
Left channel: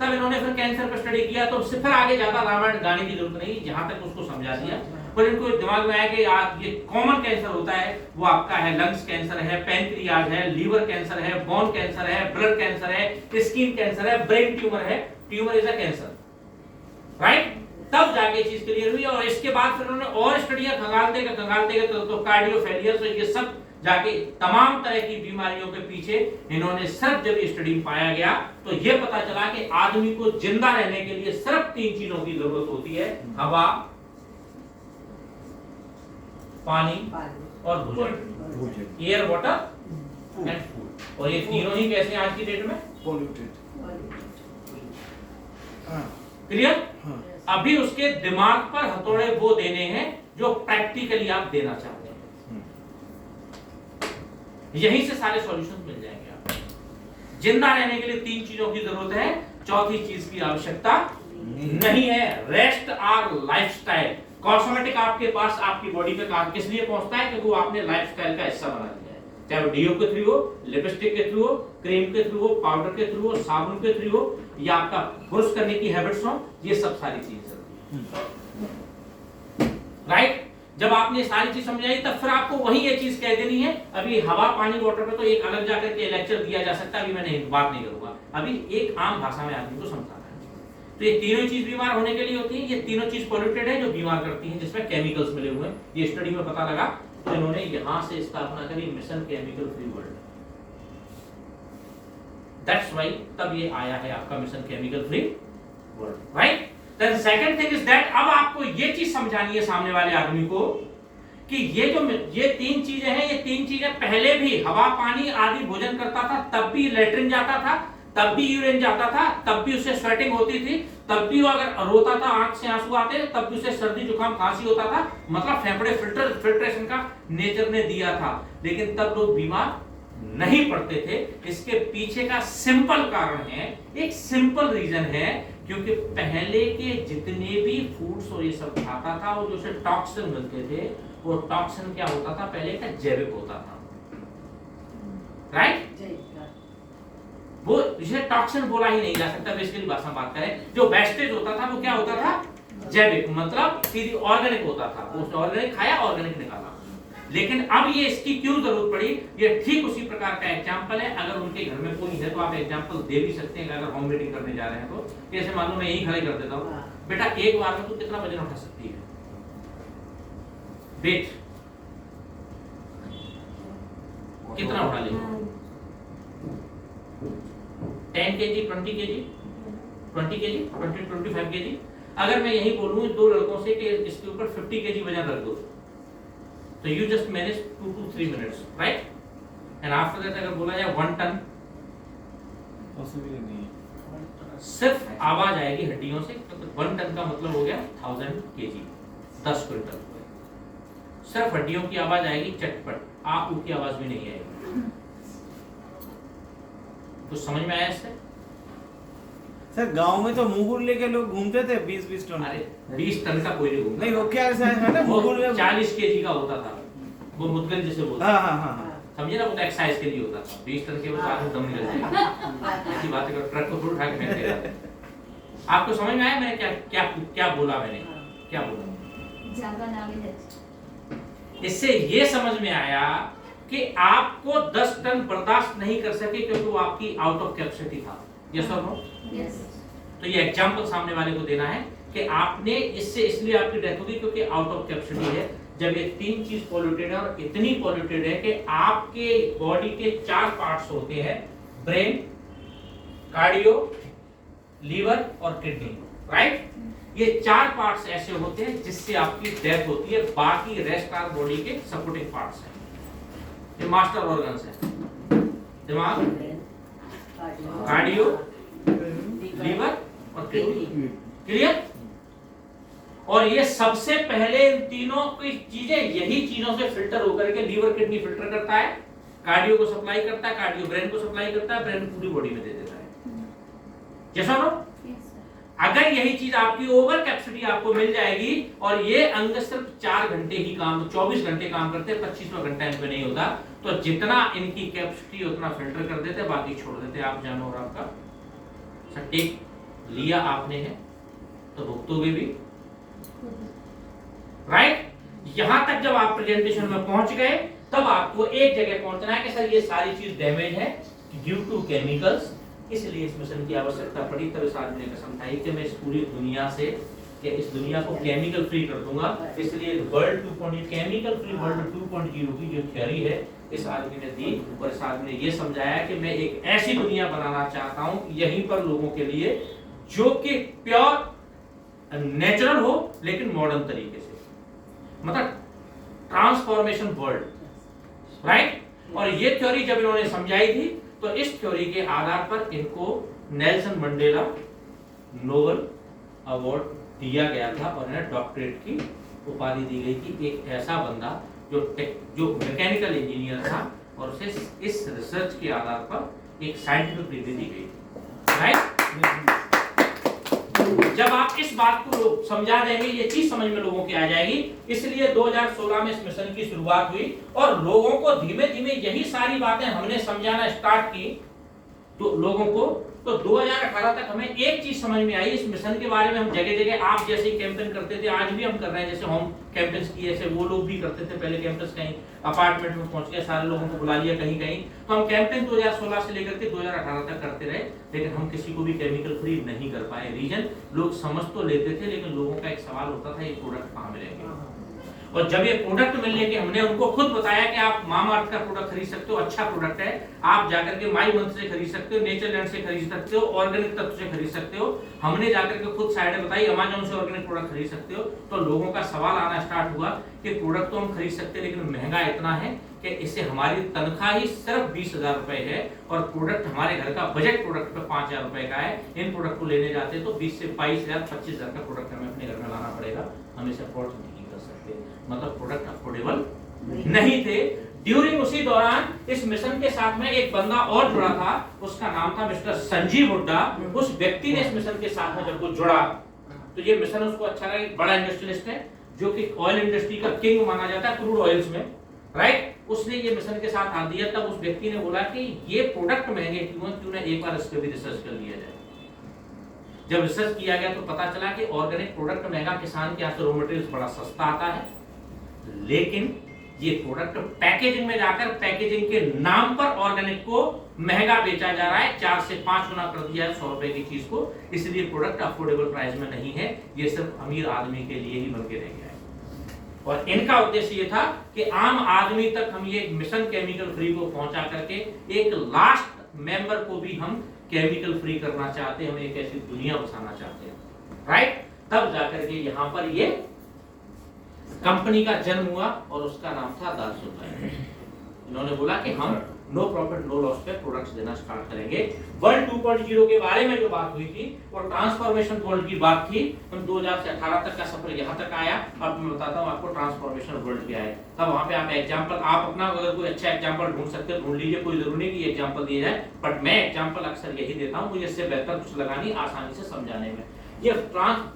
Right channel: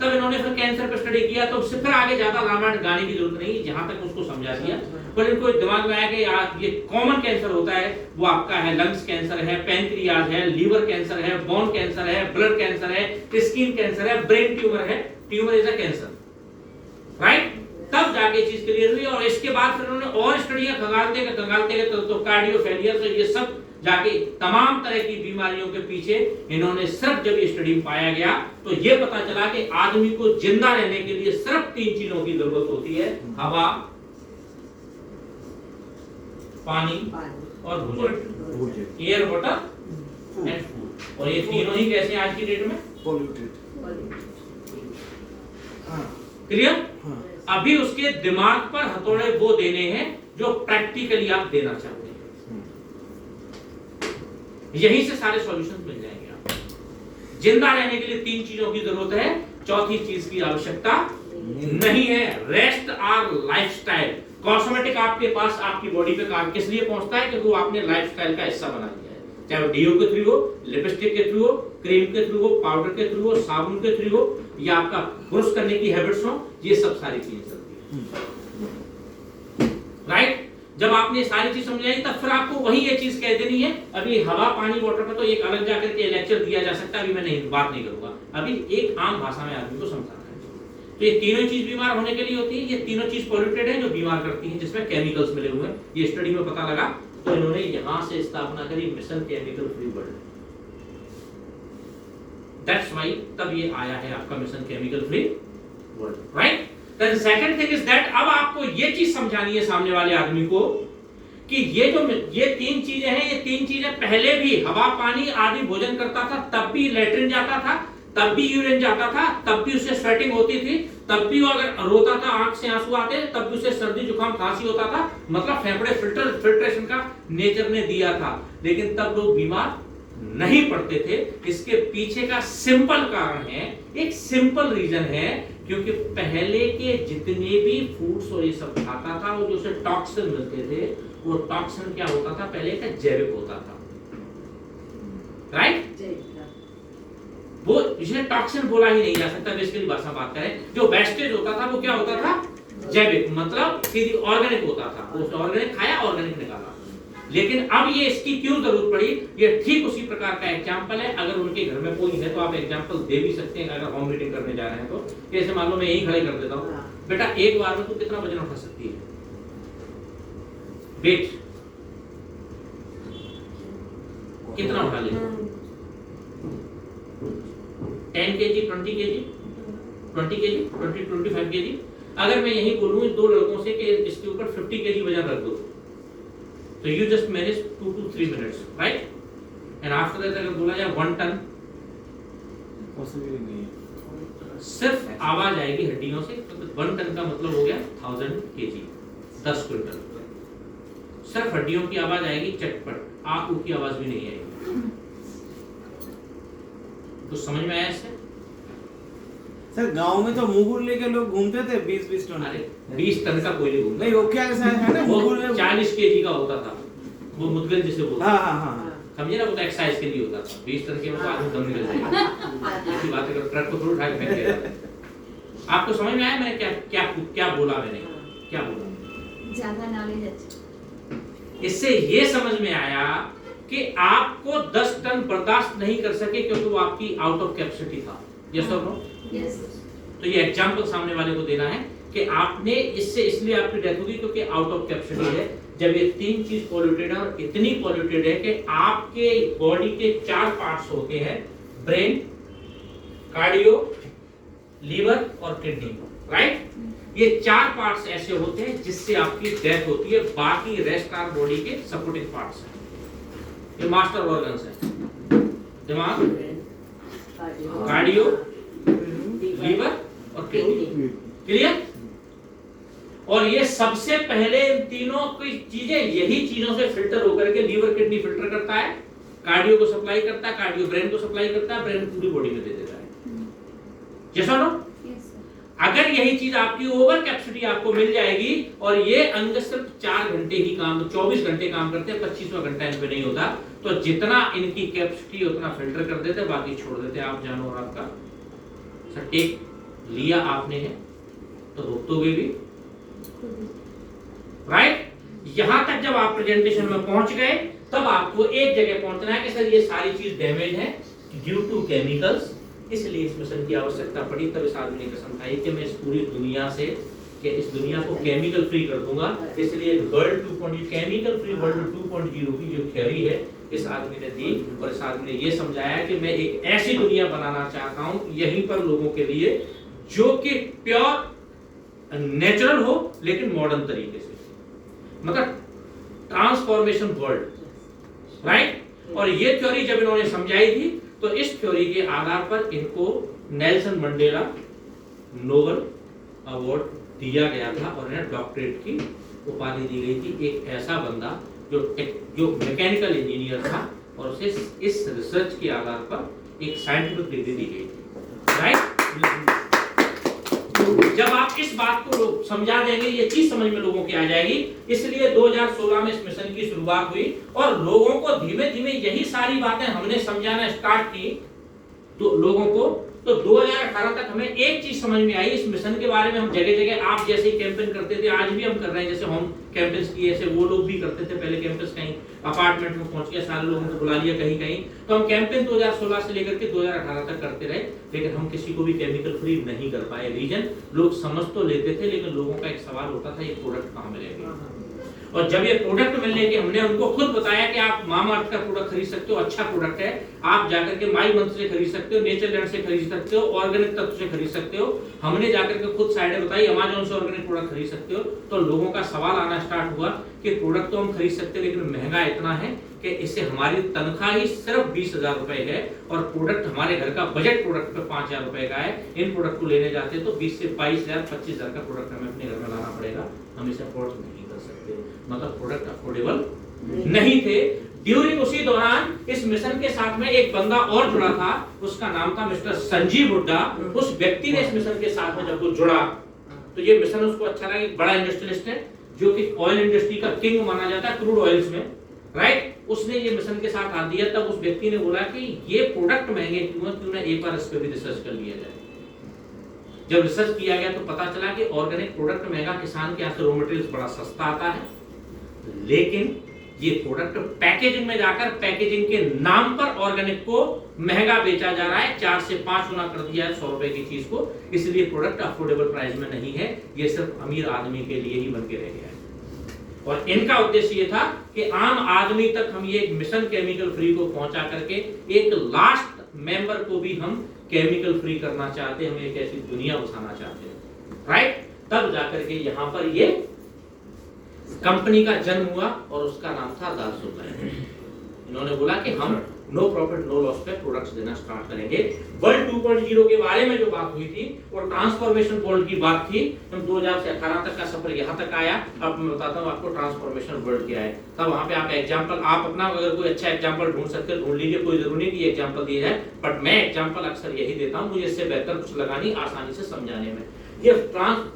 तब इन्होंने फिर कैंसर पर स्टडी किया, तो उससे फिर आगे ज्यादा रामायण गाने की जरूरत नहीं, जहां तक उसको समझा दिया। पर इनको दिमाग में आया कि ये कॉमन कैंसर होता है, वो आपका है लंग्स कैंसर है, पैंक्रियाज है, लीवर कैंसर है, बोन कैंसर है, ब्लड कैंसर है, स्किन कैंसर है, ब्रेन ट्यूमर है, tumour is a cancer, right. तब जाके चीज क्लियर हुई, और इसके बाद फिर उन्होंने और स्टडियां खंगालते गए तो कार्डियो फेलियर, तो ये सब जाके तमाम तरह की बीमारियों के पीछे इन्होंने सिर्फ जब ये स्टडी पाया गया तो ये पता चला कि आदमी को जिंदा रहने के लिए सिर्फ 3 चीजों की जरूरत होती है, हवा, पानी और भोजन, एयर, वाटर एंड फूड। और ये तीनों ही कैसे आज की डेट में पॉल्यूटेड, क्लियर। अभी उसके दिमाग पर हथौड़े वो देने हैं जो प्रैक्टिकली आप देना चाहते हैं, यहीं से सारे सॉल्यूशन मिल जाएंगे आपको। जिंदा रहने के लिए 3 चीजों की जरूरत है, चौथी चीज की आवश्यकता नहीं है। Rest are lifestyle. कॉस्मेटिक आपके पास आपकी बॉडी पे काम किस लिए पहुंचता है, क्योंकि वो आपने लाइफस्टाइल का हिस्सा बना दिया है, चाहे वो डीओ के थ्रू हो, लिपस्टिक के थ्रू हो, क्रीम के थ्रू हो, पाउडर के थ्रू हो, साबुन के थ्रू हो, या आपका ब्रश करने की हैबिट्स हो, ये सब सारी चीजें चलती है, राइट। जब आपने सारी चीज समझाई तब फिर आपको वही ये चीज कह देनी है। अभी हवा, पानी, वाटर पे तो एक अलग जाकर के लेक्चर दिया जा सकता है, अभी मैं नहीं बात नहीं करूंगा, अभी एक आम भाषा में आदमी को समझाना है। तो ये तीनों चीज बीमार होने के लिए होती है, ये तीनों चीज पॉल्यूटेड है जो बीमार करती है, जिसमें केमिकल्स मिले हुए हैं। ये स्टडी में पता लगा, तो इन्होंने यहां से स्थापना करी mission chemical free world. That's why तब ये आया है आपका mission chemical free world, right. Then second thing is that अब आपको ये चीज समझानी है सामने वाले आदमी को कि ये 3 चीजें हैं, ये 3 चीजें पहले भी हवा, पानी आदि भोजन करता था तब भी लेटरिन जाता था, तब भी यूरिन जाता था, तब भी उसे स्वेटिंग होती थी, तब भी वो अगर रोता था, आंख से आंसू आते, तब भी उसे सर्दी जुकाम खांसी होता था, मतलब फेफड़े फिल्ट्रेशन का नेचर ने दिया था, लेकिन तब लोग बीमार नहीं पड़ते थे। इसके पीछे का सिंपल कारण है, एक सिंपल रीजन है, क्योंकि पहले के जितने भी फूड्स और ये सब खाता था वो जो उसे टॉक्सिन मिलते थे, वो टॉक्सिन क्या होता था, पहले का जैविक होता था, राइट। वो इसे टॉक्सिन बोला ही नहीं जा सकता, बेसिकली भाषा में बात करें, जो वेस्टेज होता था वो क्या होता था, जैविक, मतलब सीधी ऑर्गेनिक होता था, वो ऑर्गेनिक खाया, ऑर्गेनिक निकाला। लेकिन अब ये इसकी क्यों जरूरत पड़ी, ये ठीक उसी प्रकार का एग्जांपल है। अगर उनके घर में कोई है तो आप एग्जांपल दे भी सकते हैं, अगर होम मीटिंग करने जा रहे हैं तो। जैसे मान लो मैं यही खड़े कर देता हूँ, बेटा एक बार में तू कितना वजन उठा सकती है, वेट कितना उठा ले, 10 kg, 20 kg, 20 kg, 25 kg। अगर मैं यही बोलूं इन दो लड़कों से कि इसके ऊपर 50 kg वजन रख दो, तो you just manage 2 to 3 minutes, right? And after that अगर बोला जाए 1 टन, पॉसिबल नहीं है। सिर्फ आवाज आएगी हड्डियों से, तो 1 टन का मतलब हो गया 1000 kg, 10 क्विंटल। सिर्फ हड्डियों की आवाज आएगी चटपट, आ ऊ की आवाज भी नहीं आएगी। कुछ समझ में आया इससे? सर गांव में तो मुगुर लेके लोग घूमते थे 20-20 टन। अरे 20 टन का कोई नहीं घूमता। नहीं वो क्या है ना वो मुगुर में 40 केजी का होता था, वो मुद्गल जिसे बोलते हाँ हैं। हाँ हाँ हाँ। समझे ना, वो तो एक्सरसाइज के लिए होता था। 20 टन के बाद आदमी दम निकल जाएगा। ऐसी बात है कि ट्रक को थोड़ा उठा के फेंक देगा। आपको समझ में आया मैंने क्या क्या क्या बोला मैंने? क्या बोला? ज्यादा नॉलेज है। इससे ये समझ में आया कि आपको 10 टन बर्दाश्त नहीं कर सके क्योंकि वो आपकी आउट ऑफ कैपेसिटी था। यस और नो? यस। तो ये एग्जांपल सामने वाले को देना है कि आपने इससे इसलिए आपकी डेथ होगी क्योंकि आउट ऑफ कैपेसिटी है। जब ये तीन चीज पॉल्यूटेड है और इतनी पॉल्यूटेड है कि आपके बॉडी के 4 पार्ट्स होते हैं, ब्रेन, कार्डियो, लीवर और किडनी, राइट? ये 4 पार्ट्स ऐसे होते हैं जिससे आपकी डेथ होती है। बाकी रेस्ट आर बॉडी के सपोर्टिंग पार्ट्स हैं। ये मास्टर ऑर्गन्स है, दिमाग, कार्डियो, लीवर और किडनी। क्लियर? और ये सबसे पहले इन तीनों की चीजें यही चीजों से फिल्टर होकर के लीवर किडनी फिल्टर करता है, कार्डियो को सप्लाई करता है, कार्डियो ब्रेन को सप्लाई करता है, ब्रेन पूरी बॉडी में दे देता है। यस और नो? अगर यही चीज आपकी ओवर कैपेसिटी आपको मिल जाएगी और ये अंग सिर्फ 4 घंटे ही काम, 24 घंटे काम करते हैं, 25वां घंटा इन पे नहीं होता, तो जितना इनकी कैपेसिटी उतना फिल्टर कर देते, बाकी छोड़ देते। आप जानो और आपका टेक लिया आपने है तो भुगतोगे भी, राइट? यहां तक जब आप प्रेजेंटेशन में पहुंच गए तब आपको एक जगह पहुंचना है कि सर ये सारी चीज डैमेज है ड्यू टू केमिकल्स, इसलिए इस मिशन की आवश्यकता पड़ी। तब इस आदमी ने कसम खाई कि मैं इस पूरी दुनिया से, कि इस दुनिया को केमिकल फ्री कर दूंगा। इसलिए वर्ल्ड 2.0 केमिकल फ्री वर्ल्ड 2.0 की जो थ्योरी है इस आदमी ने दी, और इस आदमी ने ये समझाया कि मैं एक ऐसी दुनिया बनाना चाहता हूं यहीं पर लोगों के लिए जो कि प्योर नेचुरल हो लेकिन मॉडर्न तरीके से, मतलब ट्रांसफॉर्मेशन वर्ल्ड, राइट? और ये थ्योरी जब इन्होंने समझाई थी तो इस थ्योरी के आधार पर इनको नेल्सन मंडेला नोबेल अवार्ड दिया गया था और इन्हें डॉक्टरेट की उपाधि दी गई थी। एक ऐसा बंदा जो मैकेनिकल इंजीनियर था और उसे इस रिसर्च के आधार पर एक साइंटिफिक डिग्री दी गई थी, राइट? जब आप इस बात को समझा देंगे ये चीज समझ में लोगों की आ जाएगी। इसलिए 2016 में इस मिशन की शुरुआत हुई और लोगों को धीमे धीमे यही सारी बातें हमने समझाना स्टार्ट की तो लोगों को। तो 2018 तक हमें एक चीज समझ में आई इस मिशन के बारे में। हम जगह जगह आप जैसे कैंपेन करते थे, आज भी हम कर रहे हैं, जैसे होम कैंपेन्स किए, ऐसे वो लोग भी करते थे पहले। कैंपस कहीं अपार्टमेंट में पहुंच गए, सारे लोगों को बुला लिया कहीं कहीं। तो हम कैंपेन 2016 से लेकर के 2018 तक करते रहे, लेकिन हम किसी को भी केमिकल फ्री नहीं कर पाए। रीजन, लोग समझ तो लेते थे लेकिन लोगों का एक सवाल होता था ये प्रोडक्ट कहाँ मिलेंगे। और जब ये प्रोडक्ट मिलने के हमने उनको खुद बताया कि आप मामाअर्थ का प्रोडक्ट खरीद सकते हो, अच्छा प्रोडक्ट है, आप जाकर के माई मंथ से खरीद सकते हो, नेचरलैंड से खरीद सकते हो, ऑर्गेनिक तत्व से खरीद सकते हो। हमने जाकर के खुद साइड बताई अमेज़न से ऑर्गेनिक प्रोडक्ट खरीद सकते हो। तो लोगों का सवाल आना स्टार्ट हुआ कि प्रोडक्ट तो हम खरीद सकते हैं लेकिन महंगा इतना है कि इससे हमारी तनख्वाह ही सिर्फ 20,000 रुपए है और प्रोडक्ट हमारे घर का बजट प्रोडक्ट पे 5,000 रुपए का है। इन प्रोडक्ट को लेने जाते तो 20 से 22,000 25,000 का प्रोडक्ट हमें अपने घर में लाना पड़ेगा, हम इसे अफोर्ड नहीं कर सकते। मतलब प्रोडक्ट अफोर्डेबल नहीं थे। ड्यूरिंग उसी दौरान इस मिशन के साथ में एक बंदा और जुड़ा था, उसका नाम था मिस्टर संजीव हुड्डा। उस व्यक्ति ने इस मिशन के साथ में जब वो जुड़ा तो ये मिशन उसको अच्छा लगा। एक बड़ा इंडस्ट्रियलिस्ट है जो कि ऑयल इंडस्ट्री का किंग माना जाता है, क्रूड ऑयल्स में, राइट? उसने ये मिशन के साथ हाथ दिया। तब उस व्यक्ति ने बोला कि ये प्रोडक्ट महंगे क्यों है, क्यों ना एक बार इस पे भी रिसर्च कर लिया जाए। जब रिसर्च किया गया तो पता चला कि ऑर्गेनिक प्रोडक्ट महंगा, किसान के यहाँ से रॉ मटेरियल बड़ा सस्ता आता है, लेकिन ये प्रोडक्ट पैकेजिंग में जाकर पैकेजिंग के नाम पर ऑर्गेनिक को महंगा बेचा जा रहा है। 4 से 5 गुना कर दिया है 100 रुपए की चीज को। इसलिए प्रोडक्ट अफोर्डेबल प्राइस में नहीं है, ये सिर्फ अमीर आदमी के लिए ही बन के रह गया है। और इनका उद्देश्य ये था कि आम आदमी तक हम ये मिशन केमिकल फ्री को पहुंचा करके एक लास्ट मेंबर को भी हम केमिकल फ्री करना चाहते हैं, हम एक ऐसी दुनिया बसाना चाहते हैं, राइट। तब जाकर के यहाँ पर ये कंपनी का जन्म हुआ और उसका नाम था दालसुलाय। इन्होंने बोला कि हम नो प्रॉफिट नो लॉस पे प्रोडक्ट्स देना स्टार्ट करेंगे। वर्ल्ड 2.0 के बारे में जो बात हुई थी वो ट्रांसफॉर्मेशन वर्ल्ड की बात थी। हम 2000 से 18 तक का सफर यहाँ तक आया। अब मैं बताता हूँ आपको ट्रांसफॉर्मेशन वर्ल्ड क्या है। तब वहाँ पे आप एग्जांपल, आप अपना अगर कोई अच्छा एग्जांपल ढूंढ सकते हैं ढूंढ लीजिए, कोई जरूरी नहीं कि एग्जांपल दिए जाए, बट मैं एग्जांपल अक्सर यही देता हूँ, मुझे इससे बेहतर कुछ लगा नहीं आसानी से समझाने में। ये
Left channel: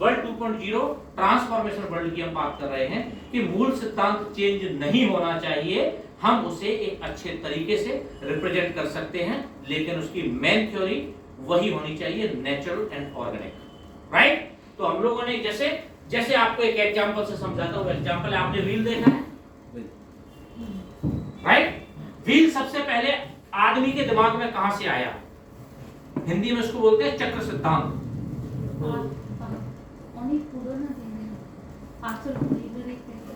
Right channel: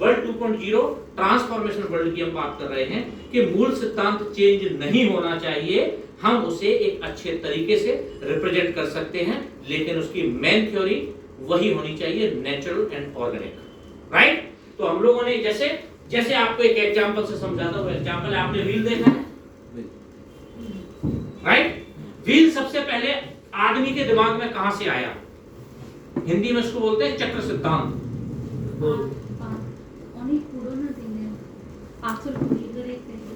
वर्ल्ड 2.0 ट्रांसफॉर्मेशन वर्ल्ड की हम बात कर रहे हैं कि मूल सिद्धांत चेंज नहीं होना चाहिए, हम उसे एक अच्छे तरीके से रिप्रेजेंट कर सकते हैं, लेकिन उसकी मेन थ्योरी वही होनी चाहिए, नेचुरल एंड ऑर्गेनिक, राइट। तो हम लोगों ने जैसे आपको एक एग्जांपल से समझाता हूं, एग्जांपल आपने व्हील देखा है, राइट। व्हील सबसे पहले आदमी के दिमाग में कहां से आया? हिंदी में इसको बोलते हैं चक्र सिद्धांत।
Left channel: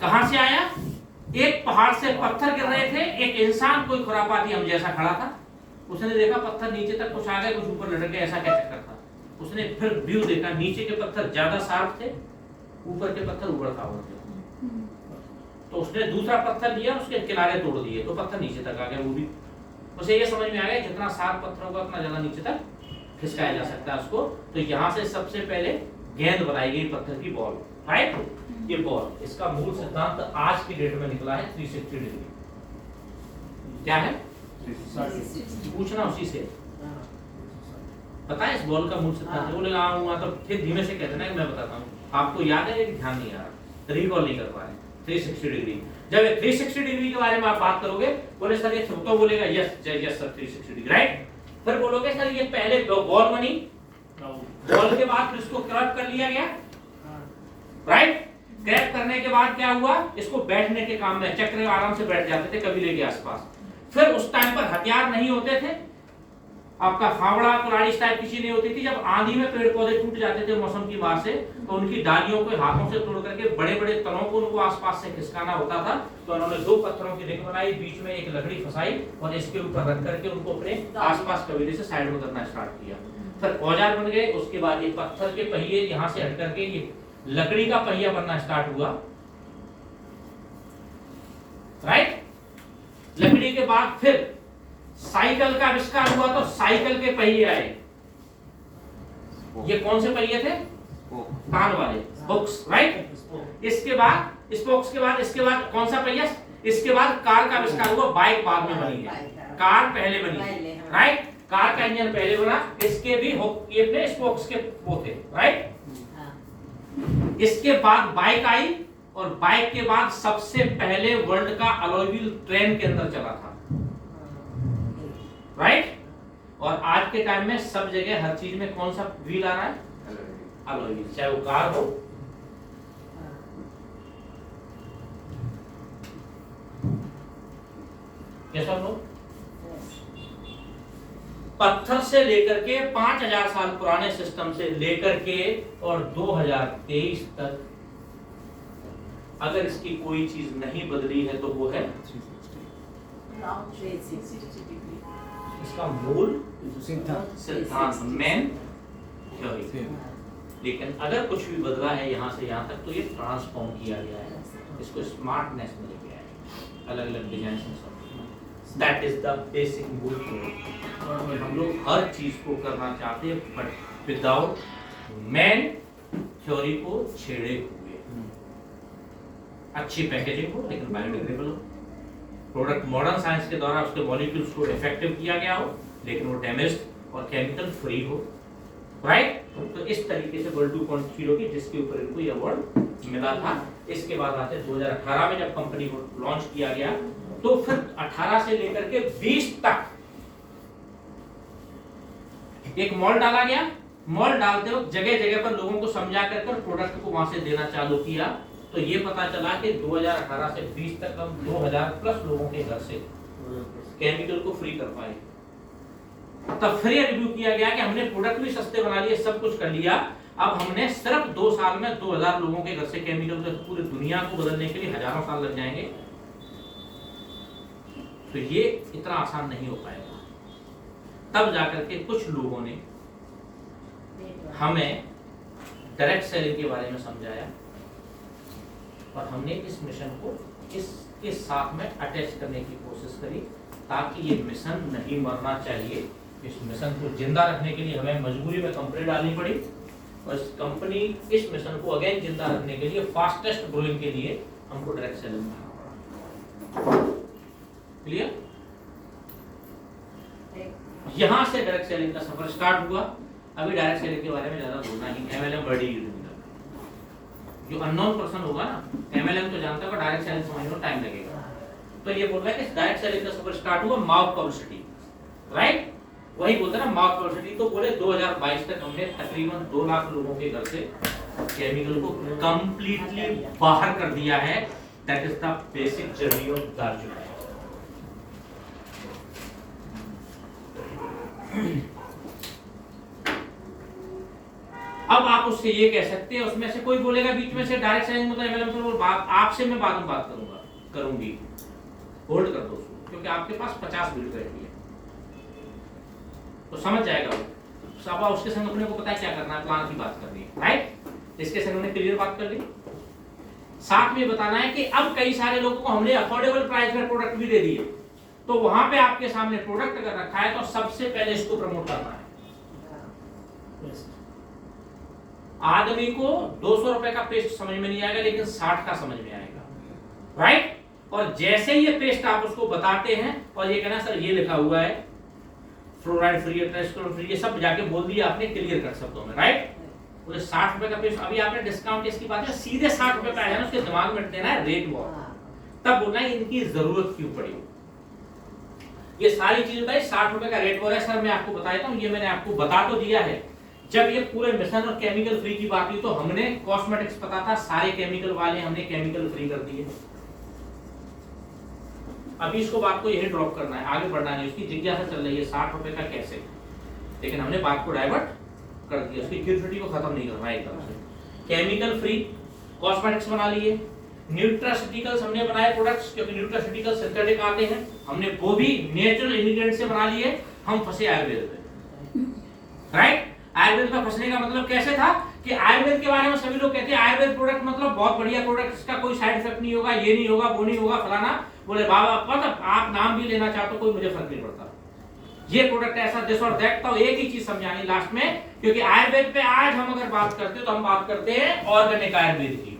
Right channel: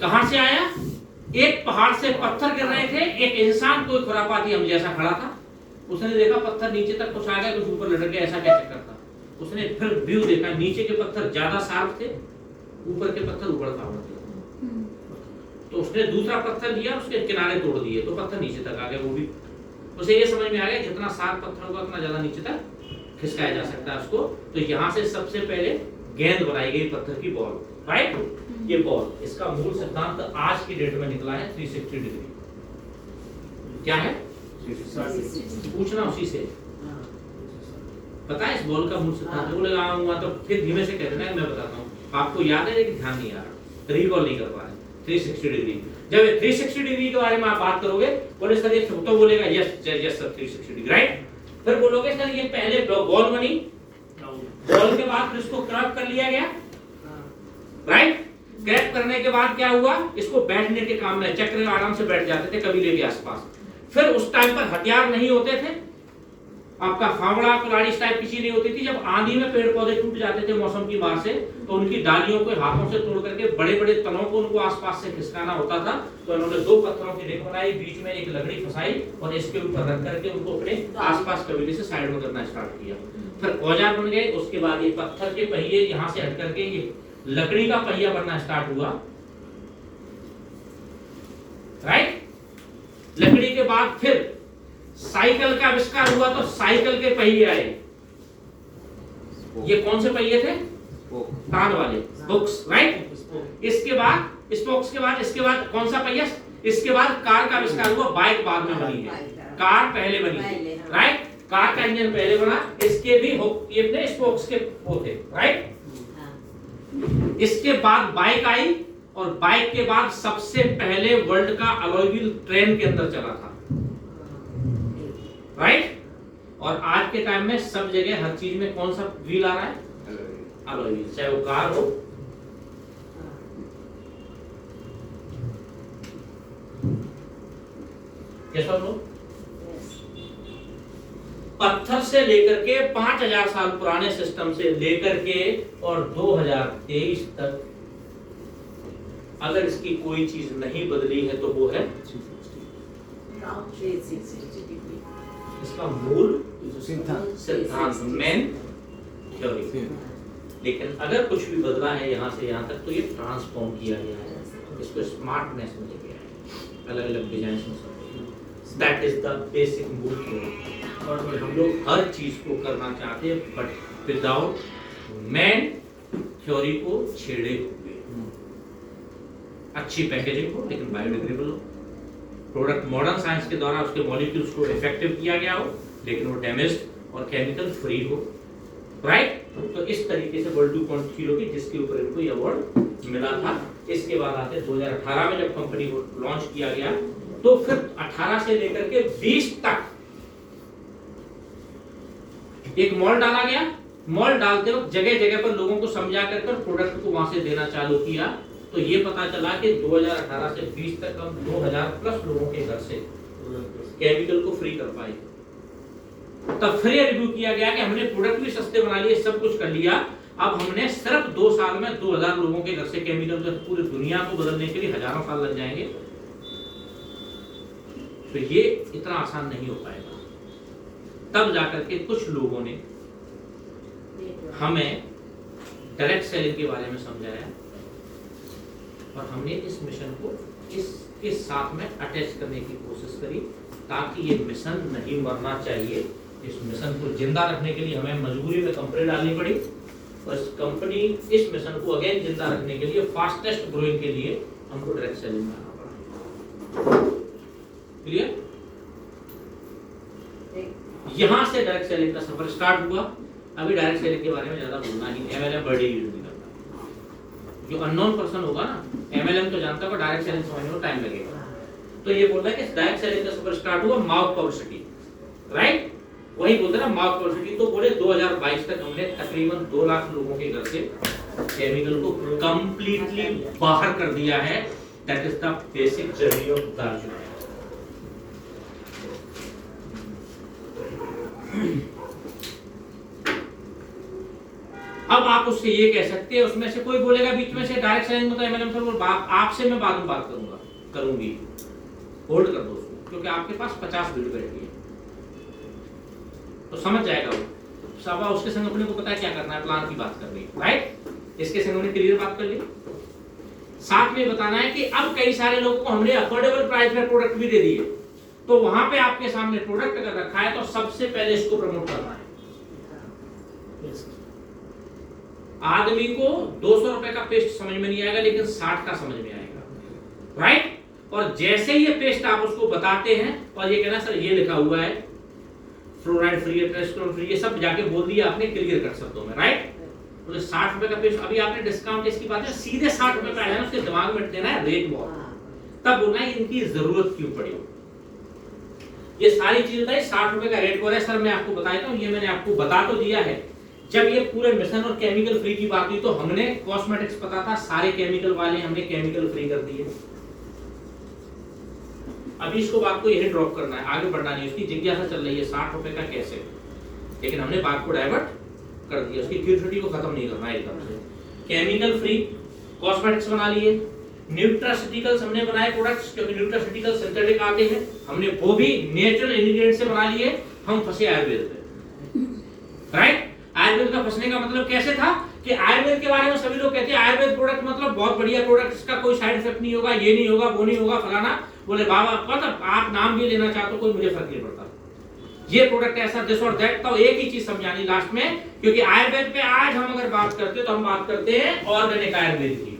कहां से आया? एक पहाड़ से पत्थर गिर रहे थे, एक इंसान कोई खुरापाती हम जैसा खड़ा था, उसने देखा पत्थर नीचे तक कुछ आ गए, कुछ ऊपर लटक गए, ऐसा क्या चक्कर था। उसने फिर व्यू देखा, नीचे के पत्थर ज्यादा शार्प थे, ऊपर के पत्थर ऊबड़ खाबड़ थे, तो उसने दूसरा पत्थर लिया, उसके किनारे तोड़ दिए, तो पत्थर नीचे तक आ गया। वो भी उसे ये समझ में आ गया जितना शार्प पत्थर होगा उतना ज्यादा नीचे तक खिसकाया जा सकता है उसको। तो यहाँ से सबसे पहले गेंद बनाई गई, पत्थर की बॉल, राइट। ये बॉल, इसका मूल सिद्धांत आज की डेट में निकला है 360 डिग्री। क्या है? पूछना उसी से, पता है इस बॉल का मूल सिद्धांत? बोलेगा आऊंगा तो फिर धीमे से कह देना, मैं बताता हूँ। आपको याद है लेकिन ध्यान नहीं आ रहा, रिकॉल नहीं कर पा रहे। 360 डिग्री, जब 360 डिग्री के बारे में आप बात करोगे, बोले सर ये तो बोलेगा yes yes sir 360 degree, right. फिर बोलोगे सर ये पहले बॉल बनी, बॉल के बाद इसको क्रैप कर लिया गया, राइट। क्रैप करने के बाद क्या हुआ? इसको बैठने के काम में, चक्र आराम से बैठ जाते थे कबीले के आसपास। फिर उस टाइम पर हथियार नहीं होते थे, आपका फावड़ा कुल्हाड़ी इस टाइप की चीज नहीं होती थी। जब आंधी में पेड़ पौधे टूट जाते थे मौसम की मार से, तो उनकी डालियों को हाथों से तोड़ करके बड़े बड़े तनों को उनको आसपास से खिसकाना होता था। तो उन्होंने दो पत्थरों की रिंग बनाई, बीच में एक लकड़ी फंसाई और इसके ऊपर रख करके उनको अपने आसपास कबीले से साइड में करना स्टार्ट किया। फिर औजार बन गए, उसके बाद ये पत्थर के पहिए यहाँ से हट करके ये लकड़ी का पहिया बनना स्टार्ट हुआ, राइट। लकड़ी के बाद फिर साइकिल का आविष्कार हुआ, तो साइकिल के पहिए आए। ये कौन से पहिए थे? तान वाले, स्पोक्स, राइट। इसके बाद स्पोक्स के बाद इसके बाद कौन सा पहिया? इसके बाद कार का आविष्कार हुआ, बाइक बाद में बनी है, कार पहले बनी है, राइट। कार का इंजन पहले बना, इसके भी ये अपने स्पोक्स के वो थे, राइट। इसके बाद बाइक आई और बाइक के बाद सबसे पहले वर्ल्ड का अलॉय व्हील ट्रेन के अंदर चला था, राइट। और आज के टाइम में सब जगह हर चीज में कौन सा व्हील आ रहा है? अलॉय व्हील, चाहे वो कार हो, कैसा हो। पत्थर से लेकर के 5000 साल पुराने सिस्टम से लेकर के और 2023 तक अगर इसकी कोई चीज नहीं बदली है तो वो है इसका मूल सिद्धांत, मेन थ्योरी। लेकिन अगर कुछ भी बदला है यहाँ से यहाँ तक तो ये ट्रांसफॉर्म किया गया है, इसको स्मार्टनेस में लेके आए, अलग अलग डिजाइन में सब। दैट इज द बेसिक मूल थ्योरी। और हम लोग हर चीज को करना चाहते हैं बट विदाउट मेन थ्योरी को छेड़े हुए। अच्छी पैकेजिंग हो लेकिन बायोडिग्रेडेबल हो, प्रोडक्ट मॉडर्न साइंस के द्वारा उसके मॉलिक्यूल्स को इफेक्टिव किया गया हो लेकिन वो डैमेज्ड और केमिकल फ्री हो, राइट। तो इस तरीके से वर्ल्ड 2.0 की जिसके ऊपर इनको ये अवार्ड मिला था। इसके बाद आते 2018 में जब कंपनी को लॉन्च किया गया तो फिर 18 से लेकर के 20 तक एक मॉल डाला गया। मॉल डालते वक्त जगह जगह पर लोगों को समझा करके प्रोडक्ट को वहां से देना चालू किया। तो ये पता चला कि 2018 से 20 तक हम 2000 प्लस लोगों के घर से केमिकल को फ्री कर पाए। तब फिर ये रिव्यू किया गया कि हमने प्रोडक्ट भी सस्ते बना लिए, सब कुछ कर लिया, अब हमने सिर्फ 2 साल में 2000 लोगों के घर से केमिकल, पूरी दुनिया को बदलने के लिए हजारों साल लग जाएंगे। तो ये इतना आसान नहीं हो पाएगा। तब जाकर के कुछ लोगों ने हमें डायरेक्ट सेलिंग के बारे में समझाया और हमने इस मिशन को इसके साथ में अटैच करने की कोशिश करी ताकि ये मिशन नहीं मरना चाहिए। इस मिशन को जिंदा रखने के लिए हमें मजबूरी में कंपनी डालनी पड़ी और इस मिशन को अगेन जिंदा रखने के लिए फास्टेस्ट ग्रोइंग के लिए हमको डायरेक्ट सेलिंग में आना पड़ा। क्लियर? यहां से डायरेक्ट सेलिंग का सफर स्टार्ट हुआ। अभी डायरेक्ट सेलिंग के बारे में ज्यादा बोलना ही, एमएलएम बड़ी यूज नहीं करता। जो अननोन पर्सन होगा ना, एमएलएम तो जानता होगा, डायरेक्ट सेलिंग समझने में टाइम लगेगा। तो ये बोल रहा है कि डायरेक्ट सेलिंग का सफर स्टार्ट हुआ माउथ पब्लिसिटी, राइट? वही बोलते ना माउथ पब्लिसिटी। तो बोले 2022 तक हमने तकरीबन 2 लाख लोगों के घर से केमिकल को कंप्लीटली बाहर कर दिया है। That is the basic journey of Darjeeling. अब आप उससे ये कह सकते हैं, उसमें से कोई बोलेगा बीच में से डायरेक्ट सेलिंग मतलब एमएलएम से बोल बात आपसे मैं बाद में बात करूंगी। होल्ड कर दो उसको, क्योंकि आपके पास 50 वीडियो बैठी है तो समझ जाएगा वो। सब उसके संग अपने को पता है क्या करना है, प्लान की बात करनी है, राइट? इसके संग हमने क्लियर बात कर ली। साथ में बताना है कि अब कई सारे लोगों को हमने अफोर्डेबल प्राइस में प्रोडक्ट भी दे दिए, तो वहां पे आपके सामने प्रोडक्ट अगर रखा है तो सबसे पहले इसको प्रमोट करना है। आदमी को 200 रुपए का पेस्ट समझ में नहीं आएगा, लेकिन 60 का समझ में आएगा, राइट? और जैसे ये पेस्ट आप उसको बताते हैं और ये कहना सर ये लिखा हुआ है फ्लोराइड फ्री, टेस्टोन फ्री, ये सब जाके बोल दिया आपने क्लियर कर शब्दों में, राइट? बोले 60 रुपए का पेस्ट, अभी आपने डिस्काउंट इसकी बात है, सीधे 60 रुपए पे आया ना, उसके दिमाग में देना है रेट वॉर। तब बोलना है इनकी जरूरत क्यों पड़ी। ये सारी चीजें बताइए। 60 रुपए का रेट वॉर है सर, मैं आपको बता देता हूँ, ये मैंने आपको बता तो दिया है। जब ये पूरे मिशन और केमिकल फ्री की बात हुई तो हमने कॉस्मेटिक्स पता था, सारे केमिकल वाले हमने केमिकल फ्री कर दिए। अभी इसको बात को यही ड्रॉप करना है, आगे बढ़ना नहीं। उसकी जिज्ञासा चल रही है 60 रुपए का कैसे, लेकिन हमने बात को डाइवर्ट कर दिया, उसकी क्यूरियोसिटी को खत्म नहीं करना है एकदम से। केमिकल फ्री कॉस्मेटिक्स बना लिए, न्यूट्रास्यूटिकल्स हमने बनाए प्रोडक्ट्स, क्योंकि न्यूट्रास्यूटिकल्स सिंथेटिक आते हैं, हमने वो भी नेचुरल इंग्रेडिएंट से बना लिए। हम फंसे आयुर्वेद पे, राइट? आयुर्वेद का फंसने का मतलब कैसे था कि आयुर्वेद के बारे में सभी लोग कहते हैं आयुर्वेद प्रोडक्ट मतलब बहुत बढ़िया प्रोडक्ट, इसका कोई साइड इफेक्ट नहीं होगा, ये नहीं होगा, वो नहीं होगा, फलाना। बोले बाबा मतलब आप नाम भी लेना चाहते हो, कोई मुझे फर्क नहीं पड़ता, ये प्रोडक्ट ऐसा दिस और दैट। तो एक ही चीज समझानी लास्ट में, क्योंकि आयुर्वेद पे आज हम अगर बात करते हैं तो हम बात करते हैं ऑर्गेनिक आयुर्वेद की।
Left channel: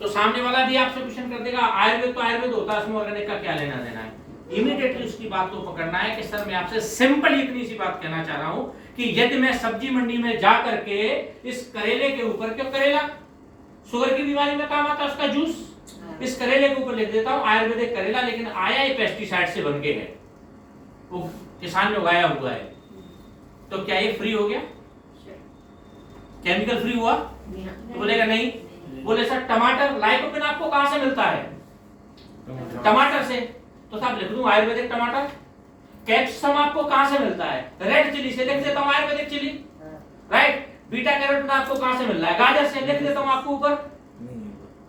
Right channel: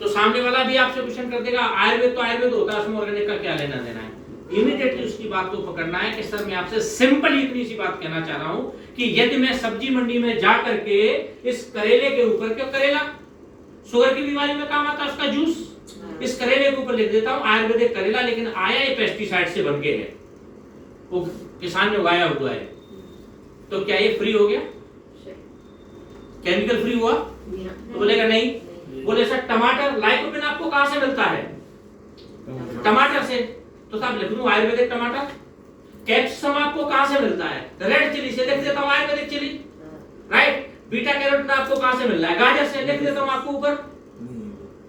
तो सामने वाला भी आपसे क्वेश्चन कर देगा आयुर्वेद तो आयुर्वेद होता है, उसमें ऑर्गेनिक का क्या लेना देना है। इमीडिएटली उसकी बात को पकड़ना है कि सर मैं आपसे सिंपल इतनी सी बात कहना चाह रहा हूं कि यदि मैं सब्जी मंडी में जा करके इस करेले के ऊपर, क्यों करेला शुगर की बीमारी में काम आता है, उसका जूस, इस करेले के ऊपर लिख देता हूं आयुर्वेदिक करेला, लेकिन आया ये पेस्टिसाइड से बन के है, वो किसान ने उगाया हुआ है, तो क्या ये फ्री हो गया? केमिकल फ्री हुआ? तो बोलेगा नहीं। बोले सर टमाटर लाइकोपिन आपको कहां से मिलता है? टमाटर से, तो साहब लिख दूं आयुर्वेदिक टमाटर। कैप्सिकम आपको कहां से मिलता है? रेड चिली से, लिख देता हूं ayurvedic chili, right? Beta carotene आपको कहां से मिल रहा है? गाजर से, लिख देता हूं आपको ऊपर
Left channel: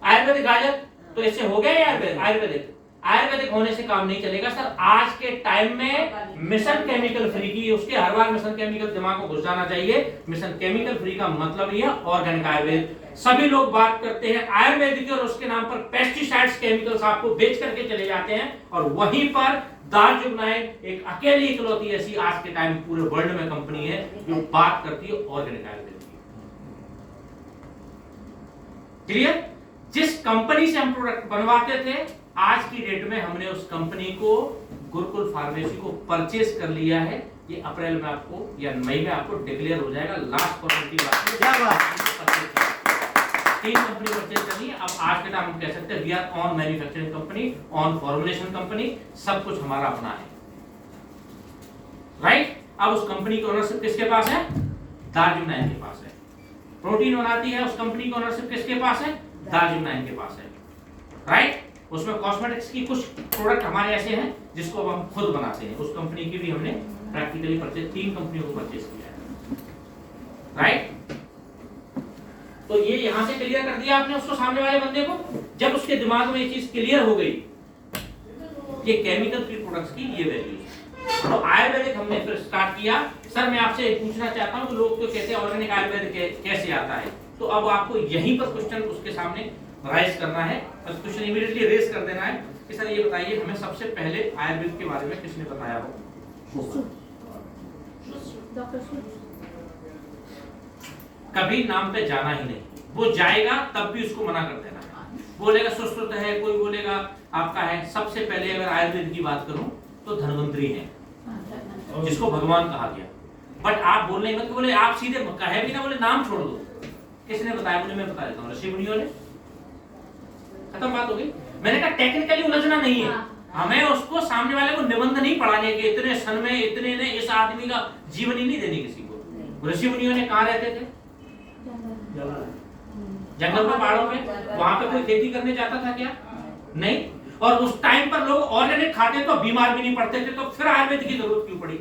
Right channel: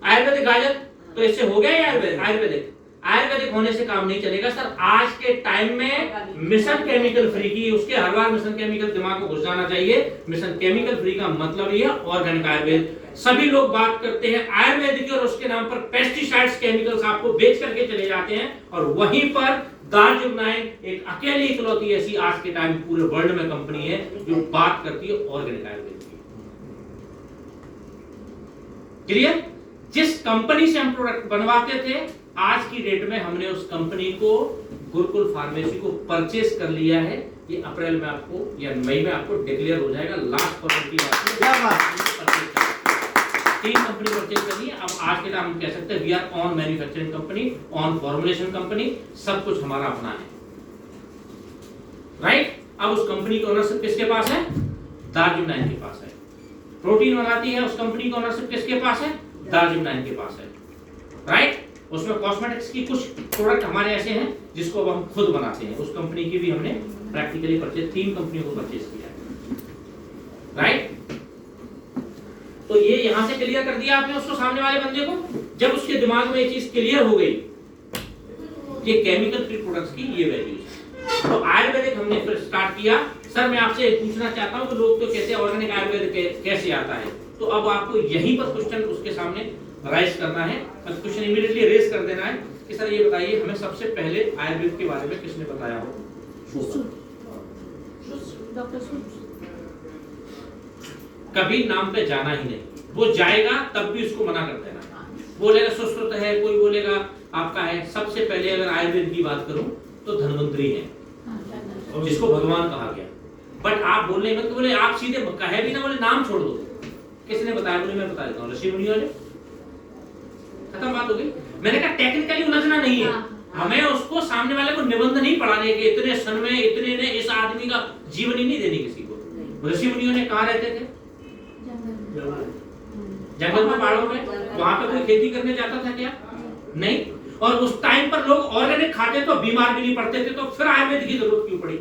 आयुर्वेदिक गाजर। तो इससे हो गया आयुर्वेदिक। आयुर्वेदिक होने से काम नहीं चलेगा सर। आज के टाइम में मिशन केमिकल फ्री की, उसके हर बार मिशन केमिकल दिमाग को घुस जाना चाहिए। मिशन केमिकल फ्री का मतलब ये ऑर्गेनिक आयुर्वेद। सभी लोग बात करते हैं आयुर्वेदिक की और उसके नाम पर पेस्टिसाइड्स केमिकल्स आपको बेच करके चले जाते हैं, और वहीं पर दार्जिलिंग एक अकेली इकलौती ऐसी आज के टाइम पूरे वर्ल्ड में कंपनी है जो बात करती है ऑर्गेनिक आयुर्वेद की। क्लियर? जिस कंपनी से हम प्रोडक्ट बनवाते थे, आज की डेट में हमने उस कंपनी को गुरुकुल फार्मेसी को परचेज कर लिया है। ये अप्रैल में आपको या मई में आपको डिक्लेयर हो जाएगा। लास्ट परसेंट की बात है, क्या बात, 3 कंपनी परचेज करनी है। अब आज के टाइम हम कह सकते हैं we are on manufacturing company, on formulation company, सब कुछ हमारा अपना है, राइट? अब उस कंपनी की ओनरशिप किसके पास है? दार्जिलिंग के पास है। प्रोटीन बनाती है, उस कंपनी की ओनरशिप किसके पास है? दार्जिलिंग के पास है, राइट? उसमें कॉस्मेटिक्स की कुछ प्रोडक्ट हमारे ऐसे हैं जिसको हम खुद बनाते हैं, उस कंपनी की भी हमने प्रैक्टिकली परचेज 3 कंपनियों को परचेज किया है, राइट? तो ये यहां से क्लियर कर दिया आपने उसको, सामने वाले बंदे को। जब उसके दिमाग में ये चीज क्लियर हो गई, ये केमिकल फ्री प्रोडक्ट्स की ये वैल्यू है। तो आयुर्वेदिक हमने फिर स्टार्ट किया। सर मैं आपसे पूछना चाहता हूँ कि लोग तो कहते हैं ऑर्गेनिक आयुर्वेदिक कैसे आता है, तो अब आपको यहीं पर क्वेश्चन उसके सामने राइज करना है, बस क्वेश्चन इमीडिएटली रेज कर देना है कि सर ये बताइए हमें सबसे पहले आयुर्वेद के बारे में किसने बताया हो? डॉक्टर सुन। कभी नाम पे जाना ही नहीं, वो जाएगा तब भी उसको मना कर देना। बोलेगा सुश्रुत है, कोई बोलेगा आपका है। सबसे पहले अगर आयुर्वेद की बात करूं तो धन्वंतरी है, जिसको भगवान कहा गया। बट आप बोलने मत बोले, आप सीधे कहे भी ना, बोले नाम छोड़ दो। किसने बताया? बोले मैं बता देता हूँ, ऋषि मुनियों ने। खत्म बात हो गई। मैंने कहा टेक्निकली उलझना नहीं है, हमें उसको सामने वाले को निबंध नहीं पढ़ाने के, इतने सन में इतने ने इस आदमी का जीवन ही नहीं देने किसी को। ऋषि मुनियों ने कहाँ रहते थे? जंगल में, पहाड़ों में। वहां पे कोई खेती करने जाता था क्या? नहीं। और उस टाइम पर लोग ऑर्गेनिक खाते तो बीमार भी नहीं पड़ते थे, तो फिर आयुर्वेद की जरूरत क्यों पड़ी?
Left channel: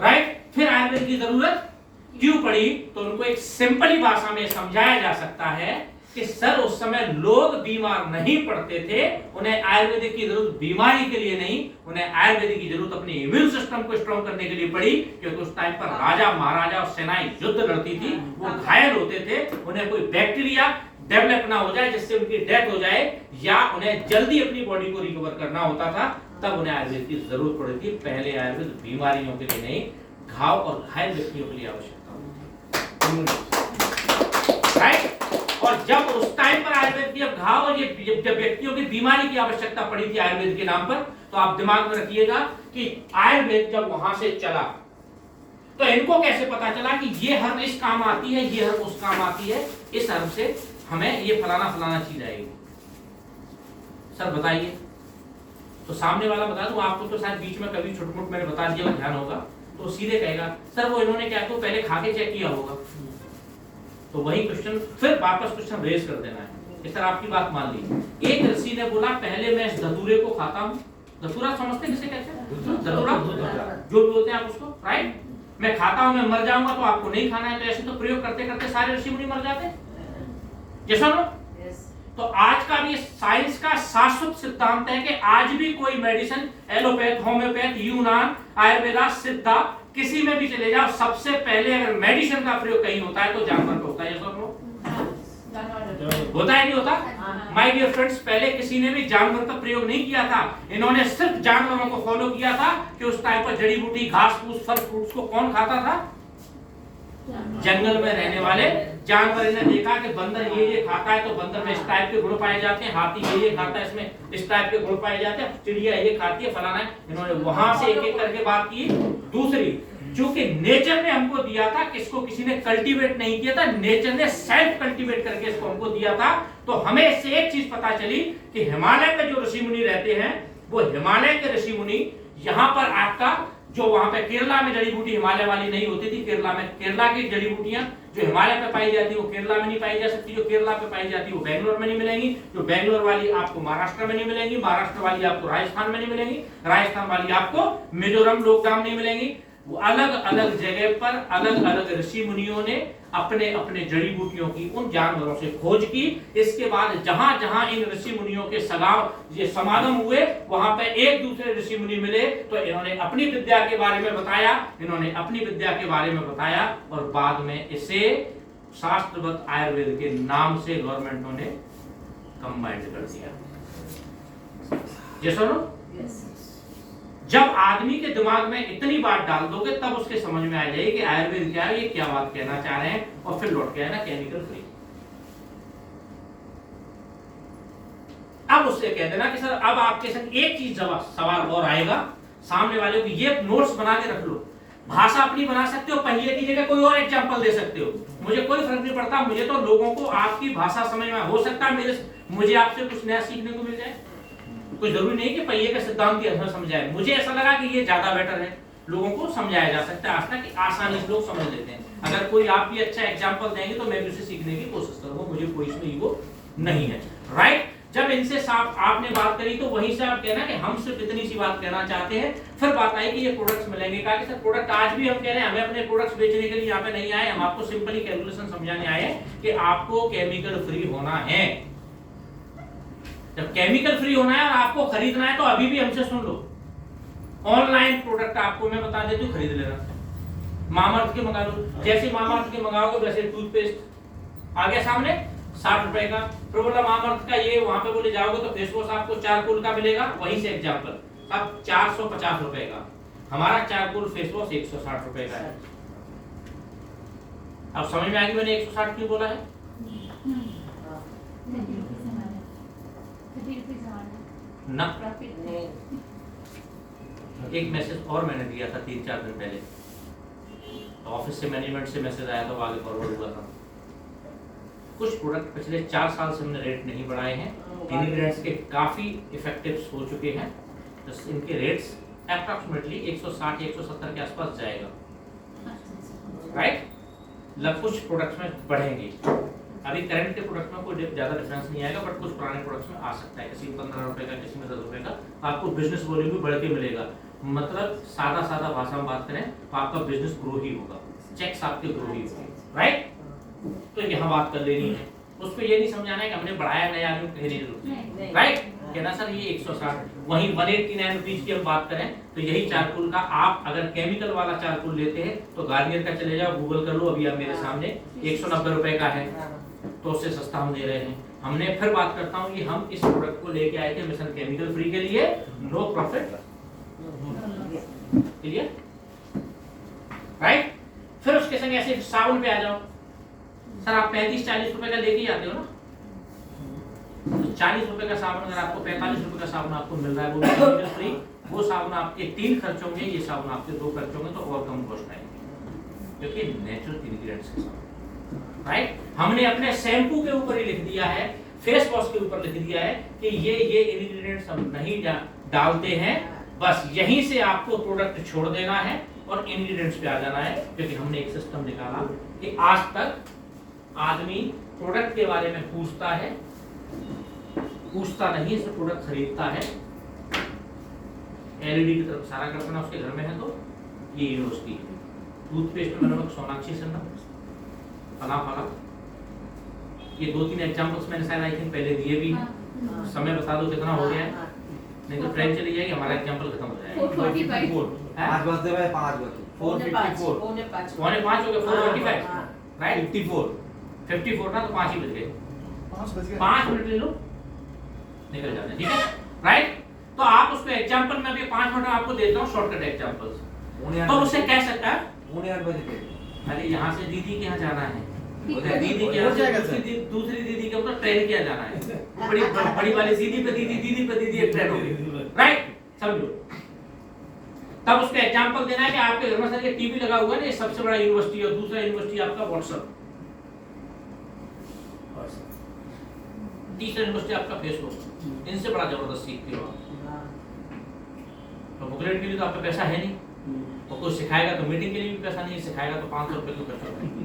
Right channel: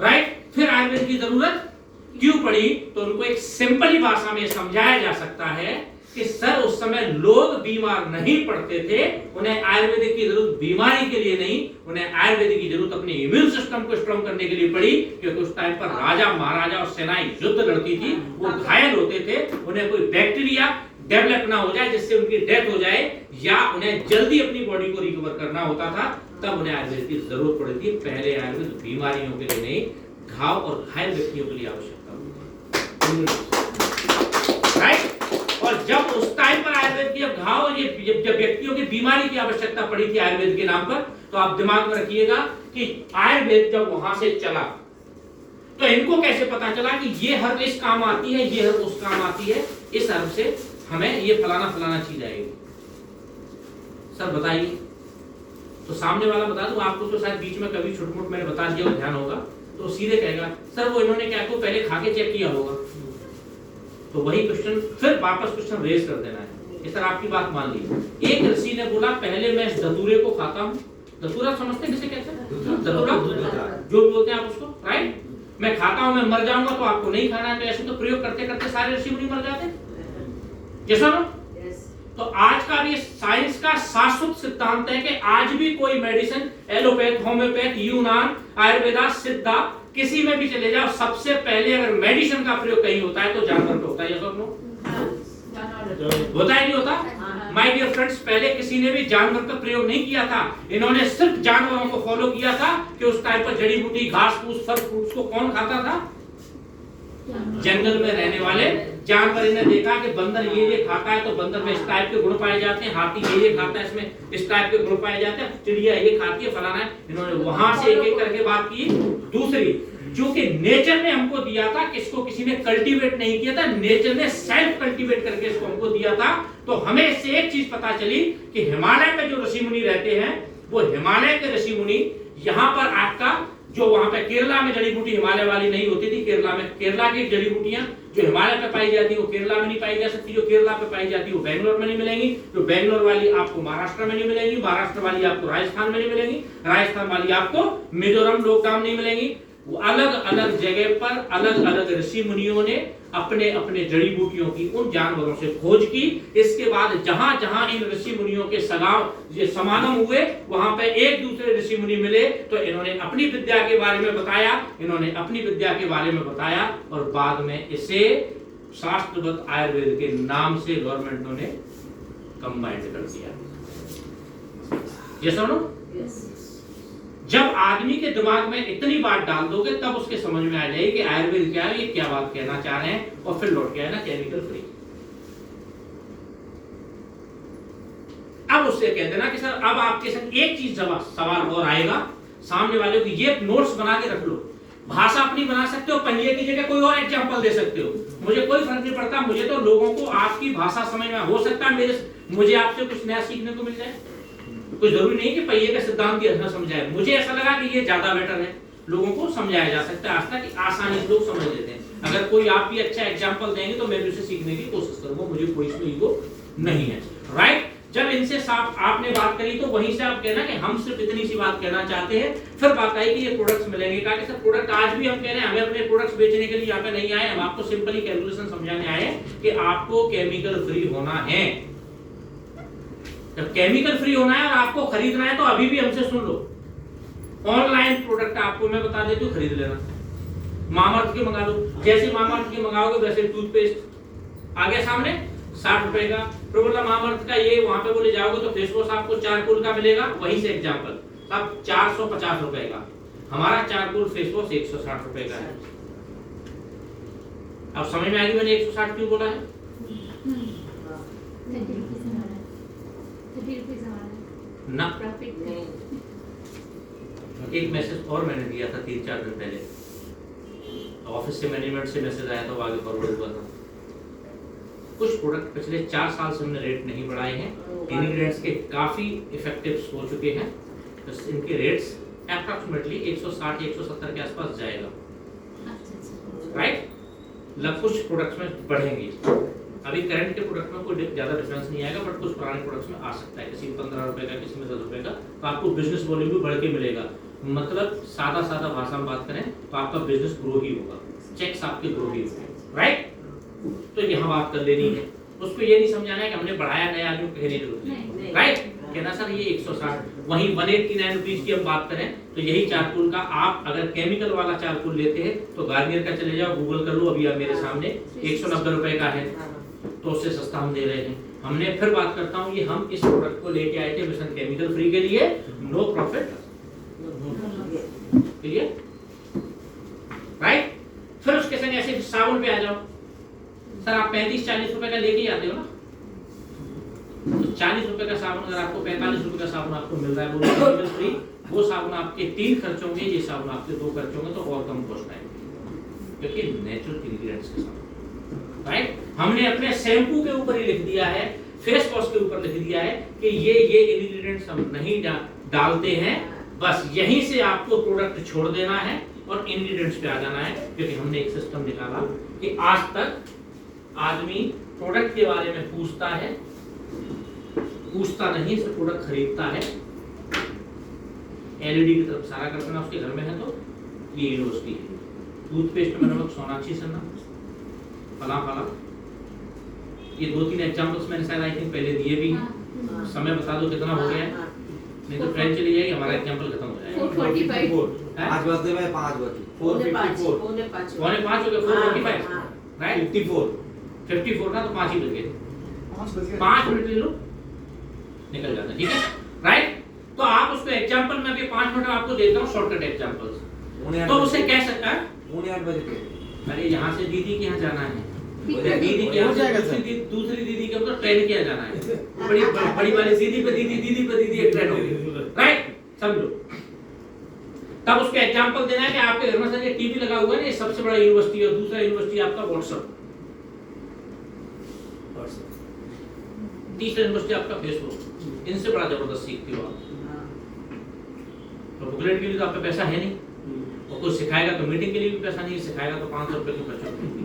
राइट? फिर आयुर्वेद की जरूरत क्यों पड़ी? तो उनको एक सिंपली भाषा में समझाया जा सकता है कि सर उस समय लोग बीमार नहीं पड़ते थे, उन्हें आयुर्वेदिक की जरूरत बीमारी के लिए नहीं, उन्हें आयुर्वेदिक की जरूरत अपने इम्यून सिस्टम को स्ट्रॉन्ग करने के लिए पड़ी। क्योंकि उस टाइम पर राजा महाराजा और सेनाएं युद्ध लड़ती थी, वो घायल होते थे, उन्हें कोई बैक्टीरिया डेवलप ना हो जाए जिससे उनकी डेथ हो जाए, या उन्हें जल्दी अपनी बॉडी को रिकवर करना होता था, तब उन्हें आयुर्वेद की जरूरत पड़ती थी। पहले आयुर्वेद बीमारियों के लिए नहीं, घाव और घायल व्यक्तियों के लिए आवश्यकता होती है। राइट? और जब उस टाइम पर आयुर्वेद की घाव और ये जब व्यक्तियों की बीमारी की आवश्यकता पड़ी थी आयुर्वेद के नाम पर, तो आप दिमाग में रखिएगा कि आयुर्वेद जब वहां से चला तो इनको कैसे पता चला कि ये हर्ब इस काम आती है, ये हर्ब उस काम आती है, इस हर्ब से हमें ये फलाना फलाना चीज आएगी। सर बताइए। तो सामने वाला बता दूं आपको, तो शायद बीच में कभी छोट-मोट मैंने बता दिया और ध्यान होगा, तो सीधे कहेगा सर वो इन्होंने क्या को पहले खा के चेक किया होगा। तो वही क्वेश्चन फिर वापस क्वेश्चन रेज कर देना है कि सर आपकी बात मान ली। एक ऋषि ने बोला पहले मैं इस धतूरे को खाता हूं। धतूरा समझते किसे कहते हैं? धतूरा जो भी बोलते हैं आप उसको, राइट? मैं खाता हूं, मैं मर जाऊंगा तो आपको नहीं खाना है। तो ऐसे तो प्रयोग करते करते सारे ऋषि मुनि मर जाते। जैसा ना? तो आज का भी साइंस का शाश्वत सिद्धांत है कि आज भी कोई मेडिसिन, एलोपैथ, होम्योपैथ, यूनान, आयुर्वेदा, सिद्धा, किसी में भी चले जाओ, सबसे पहले अगर मेडिसिन का प्रयोग कहीं होता है तो जानवर पे होता है। होता है नहीं होता? माय डियर फ्रेंड्स, पहले किसी ने भी जानवर का प्रयोग नहीं किया था। इन्होंने सिर्फ जानवरों को फॉलो किया था कि उस टाइम पर जड़ी बूटी, घास फूस, फल फ्रूट्स को कौन खाता था? जंगल में रहने वाले जानवर ने देखा कि बंदर ये खाता है तो बंदर में इस टाइप के गुण पाए जाते हैं, हाथी ये खाता है इसमें इस टाइप के गुण पाए जाते हैं, चिड़िया ये खाती है, फलाना है। इन्होंने वहां से एक एक करके बात की। दूसरी, जो कि नेचर ने हमको दिया था, किसको किसी ने कल्टीवेट नहीं किया था, नेचर ने सेल्फ कल्टीवेट करके इसको हमको दिया था। तो हमें इससे एक चीज पता चली कि हिमालय में जो ऋषि मुनि रहते हैं, वो हिमालय के ऋषि मुनि यहाँ पर आपका जो वहां पे केरला में जड़ी बूटी हिमालय वाली नहीं होती थी, केरला में केरला की जड़ी बूटियां जो हिमालय पे पाई जाती है वो केरला में नहीं पाई जा सकती, जो केरला पे पाई जाती है वो बेंगलोर में नहीं मिलेंगी, जो बेंगलोर वाली आपको महाराष्ट्र में नहीं मिलेंगी, महाराष्ट्र वाली आपको राजस्थान में नहीं मिलेंगी, राजस्थान वाली आपको मिजोरम, लोकगाम नहीं मिलेंगी। वो अलग अलग जगह पर अलग अलग ऋषि मुनियों ने अपने अपने जड़ी बूटियों की, उन जानवरों से खोज की। इसके बाद जहां जहां इन ऋषि मुनियों के समागम हुए, वहां पे एक दूसरे ऋषि मुनि मिले, तो इन्होंने अपनी विद्या के बारे में बताया, और बाद में इसे शास्त्रवत आयुर्वेद के नाम से गवर्नमेंट ने कंबाइंड कर दिया। ये सुनो, जब आदमी के दिमाग में इतनी बात डाल दोगे तब उसके समझ में आ जाएगी कि आयुर्वेद क्या है, ये क्या बात कहना चाह रहे हैं, और फिर लौट के आए ना केमिकल फ्री। अब उससे कह देना कि सर अब आपके साथ एक चीज सवाल और आएगा, सामने वाले को ये नोट्स बना के रख लो, भाषा अपनी बना सकते हो, पहिए की जगह कोई और एग्जांपल दे सकते हो, मुझे कोई फर्क नहीं पड़ता। मुझे तो लोगों को आपकी भाषा समझ में हो सकता है मुझे आपसे कुछ नया सीखने को मिल जाए। कोई जरूरी नहीं कि पहिए का सिद्धांत भी अच्छा समझाए। मुझे ऐसा लगा कि ये ज्यादा बेटर है, लोगों को समझाया जा सकता है, आज तक आसानी से लोग समझ लेते हैं। अगर कोई आप भी अच्छा एग्जांपल देंगे तो मैं भी उसे सीखने की कोशिश करूंगा, मुझे कोई इसमें ईगो नहीं है। राइट? जब इनसे साफ आपने बात करी तो वहीं से आप कहना कि हम सिर्फ इतनी सी बात कहना चाहते हैं। फिर बात आई कि ये प्रोडक्ट्स मिलेंगे, कहा कि सर प्रोडक्ट आज भी हम कह रहे हैं, हमें अपने प्रोडक्ट्स बेचने के लिए यहाँ पे नहीं आए, हम आपको सिंपली कैलकुलेशन समझाने आए कि आपको केमिकल फ्री होना है। जब केमिकल फ्री होना है और आपको खरीदना है तो अभी भी हमसे सुन लो, ऑनलाइन प्रोडक्ट आपको मैं बता देती हूँ, खरीद लेना। मामाअर्थ के मंगा लो, जैसे मामाअर्थ के मंगाओगे वैसे टूथपेस्ट आ गया सामने 60 रुपए का। फिर बोला मामाअर्थ का ये वहां पे बोले जाओगे तो फेस वॉश आपको चारकोल का मिलेगा, वहीं से एग्जांपल अब 450 रुपए का। हमारा चारकोल फेस वॉश 160 रुपए का है। अब समझ में आएगी मैंने 160 क्यों बोला है? 30 रुपीस हमारा ना प्रॉफिट नहीं। एक मैसेज और मैंने दिया था 3-4 दिन पहले, ऑफिस से मैनेजमेंट से मैसेज आया था, वो आगे फॉरवर्ड हुआ था। कुछ प्रोडक्ट पिछले 4 साल से हमने रेट नहीं बढ़ाए हैं, इंग्रेडिएंट्स के काफी इफेक्टिव हो चुके हैं, तो इनके रेट्स अप्रॉक्सीमेटली 160 या 170 के आसपास जाएगा, राइट। कुछ प्रोडक्ट्स में बढ़ेंगे, अभी करंट के प्रोडक्ट में कोई ज्यादा डिफरेंस नहीं आएगा, बट कुछ पुराने प्रोडक्ट्स में आ सकता है, किसी में 15 रुपए का, किसी में 10 रुपए का, तो आपको बिजनेस वॉल्यूम भी बढ़ के मिलेगा। मतलब सादा भाषा में बात करें तो आपका बिजनेस ग्रो ही होगा, चेक्स आपके ग्रो ही होंगे, राइट। तो यहाँ बात कर लेनी है, उसको ये नहीं समझाना है कि हमने बढ़ाया नया आदमी कहने की जरूरत नहीं, राइट। कहना सर ये 160, वहीं 189 रुपीज की हम बात करें तो यही चारकोल का आप अगर केमिकल वाला चारकोल लेते हैं तो गार्नियर का चले जाओ, गूगल कर लो, अभी आप मेरे सामने 190 रुपए का है, तो उससे सस्ता हम दे रहे हैं। हमने फिर बात करता हूँ ये हम इस प्रोडक्ट को लेके आए थे मिशन केमिकल फ्री के लिए, नो प्रॉफिट, क्लियर, राइट। फिर उसके संग ऐसे साबुन पे आ जाओ, सर आप 35-40 रुपए का लेके आते हो ना, तो 40 रुपए का साबुन अगर आपको 45 रुपए का साबुन आपको मिल रहा है वो केमिकल फ्री, वो साबुन आपके 3 खर्च होंगे, ये साबुन आपके 2 खर्च होंगे, तो और कम कॉस्ट आएंगे क्योंकि नेचुरल इंग्रेडिएंट्स के साथ, राइट। हमने अपने शैम्पू के ऊपर ही लिख दिया है, फेस वॉश के ऊपर लिख दिया है कि ये इंग्रेडिएंट्स हम नहीं डालते हैं, बस यहीं से आपको प्रोडक्ट छोड़ देना है और इंग्रेडिएंट्स पे आ जाना है, क्योंकि हमने एक सिस्टम निकाला कि आज तक आदमी प्रोडक्ट के बारे में पूछता नहीं, सिर्फ प्रोडक्ट खरीदता है। एलईडी की तरफ सारा करना उसके घर में है, तो ये यूनिवर्सिटी है। टूथपेस्ट में नमक, सोनाक्षी सिन्हा, फला, ये 2-3 एग्जांपल्स मैंने शायद आई थिंक पहले दिए भी हैं। समय बता दो कितना हो गया है, नहीं तो ट्रेन चली जाएगी, हमारा एग्जांपल खत्म हो जाएगा। 5 बजते भाई 5 बजे 4:54 पौने 5 हो गए, 4:45, राइट। 54 ना, तो 5 ही बज गए, 5 मिनट ले लो, निकल जाता है, ठीक है, राइट। तो आप उसको एग्जांपल में अभी 5 मिनट आपको देता हूँ शॉर्टकट एग्जांपल्स, तो उससे कह सकता है 8 बजे के, अरे यहाँ से दीदी के यहाँ जाना है, दीदी के हो यहाँ जाएगा से सर। दूसरी दीदी के मतलब ट्रेन के यहाँ जाना है, बड़ी वाली दीदी पे दीदी एक ट्रेन होगी, राइट, समझो। तब उसको एग्जांपल देना है कि आपके घर में सर ये टीवी लगा हुआ है ना, ये सबसे बड़ा यूनिवर्सिटी है, और दूसरा यूनिवर्सिटी आपका व्हाट्सएप, तीसरा यूनिवर्सिटी आपका फेसबुक, इनसे बड़ा जबरदस्त सीखते हो आप। तो बुकलेट के लिए तो आपका पैसा है नहीं, और कुछ सिखाएगा तो मीटिंग के लिए भी पैसा नहीं, सिखाएगा तो 500 रुपए क्यों खर्च होंगे,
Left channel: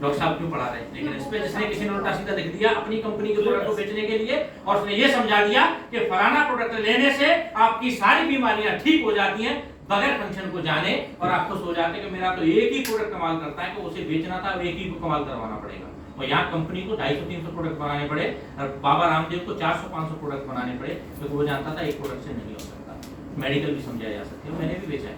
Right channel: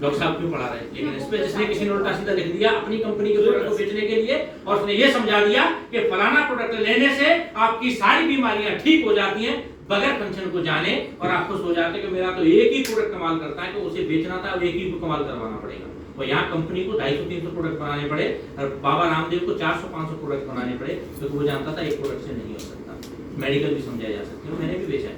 डॉक्टर साहब क्यों पढ़ा रहे हैं। लेकिन इस पे जिसने किसी ने उल्टा सीधा लिख दिया अपनी कंपनी के प्रोडक्ट को बेचने के लिए, और उसने ये समझा दिया कि फलाना प्रोडक्ट लेने से आपकी सारी बीमारियां ठीक हो जाती हैं बगैर फंक्शन को जाने, और आप खुश हो जाते हैं कि मेरा तो एक ही प्रोडक्ट कमाल करता है, कि उसे बेचना था, एक ही को कमाल करवाना पड़ेगा। और यहाँ कंपनी को 250-300 प्रोडक्ट बनाने पड़े, और बाबा रामदेव को 400-500 प्रोडक्ट बनाने पड़े, क्योंकि वो जानता था एक प्रोडक्ट से नहीं हो सकता। मेडिकल भी समझाया जा सकती है, मैंने भी बेचा है,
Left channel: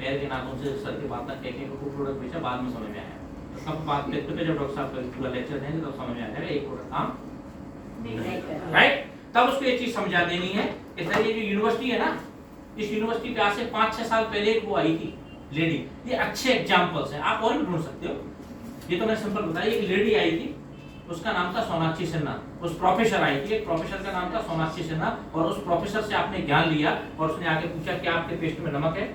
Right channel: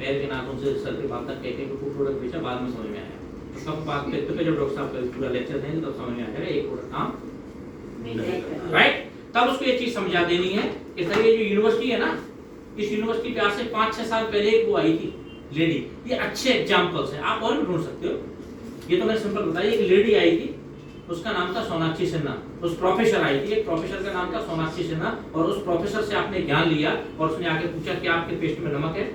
पैर के नाखून से सर के बाल तक कह को प्रोडक्ट बेचा, बाद में समझ में आया। तो कब बात करते पे जब डॉक्टर साहब का पूरा लेक्चर देंगे तब समझ में आ जाएगा एक प्रोडक्ट काम, राइट। तब उसको ये चीज समझा देनी है कि सर ये जो यूनिवर्सिटी है ना, इस यूनिवर्सिटी पे आज से 5-6 साल पहले एक वो आई थी लेडी, ये अच्छे एग्जांपल्स हैं, आप और भी ढूंढ सकते हो, ये तो मैंने सिंपल बताया। एक लेडी आई थी, उसका नाम था सोनाक्षी सिन्हा, उस प्रोफेसर आई थी, एक प्रोफेसर का नाम था सोनाक्षी सिन्हा, और उस प्रोफेसर से आपने ज्ञान लिया, और उसने आगे पूछा कि आपके पेस्ट में नमक है।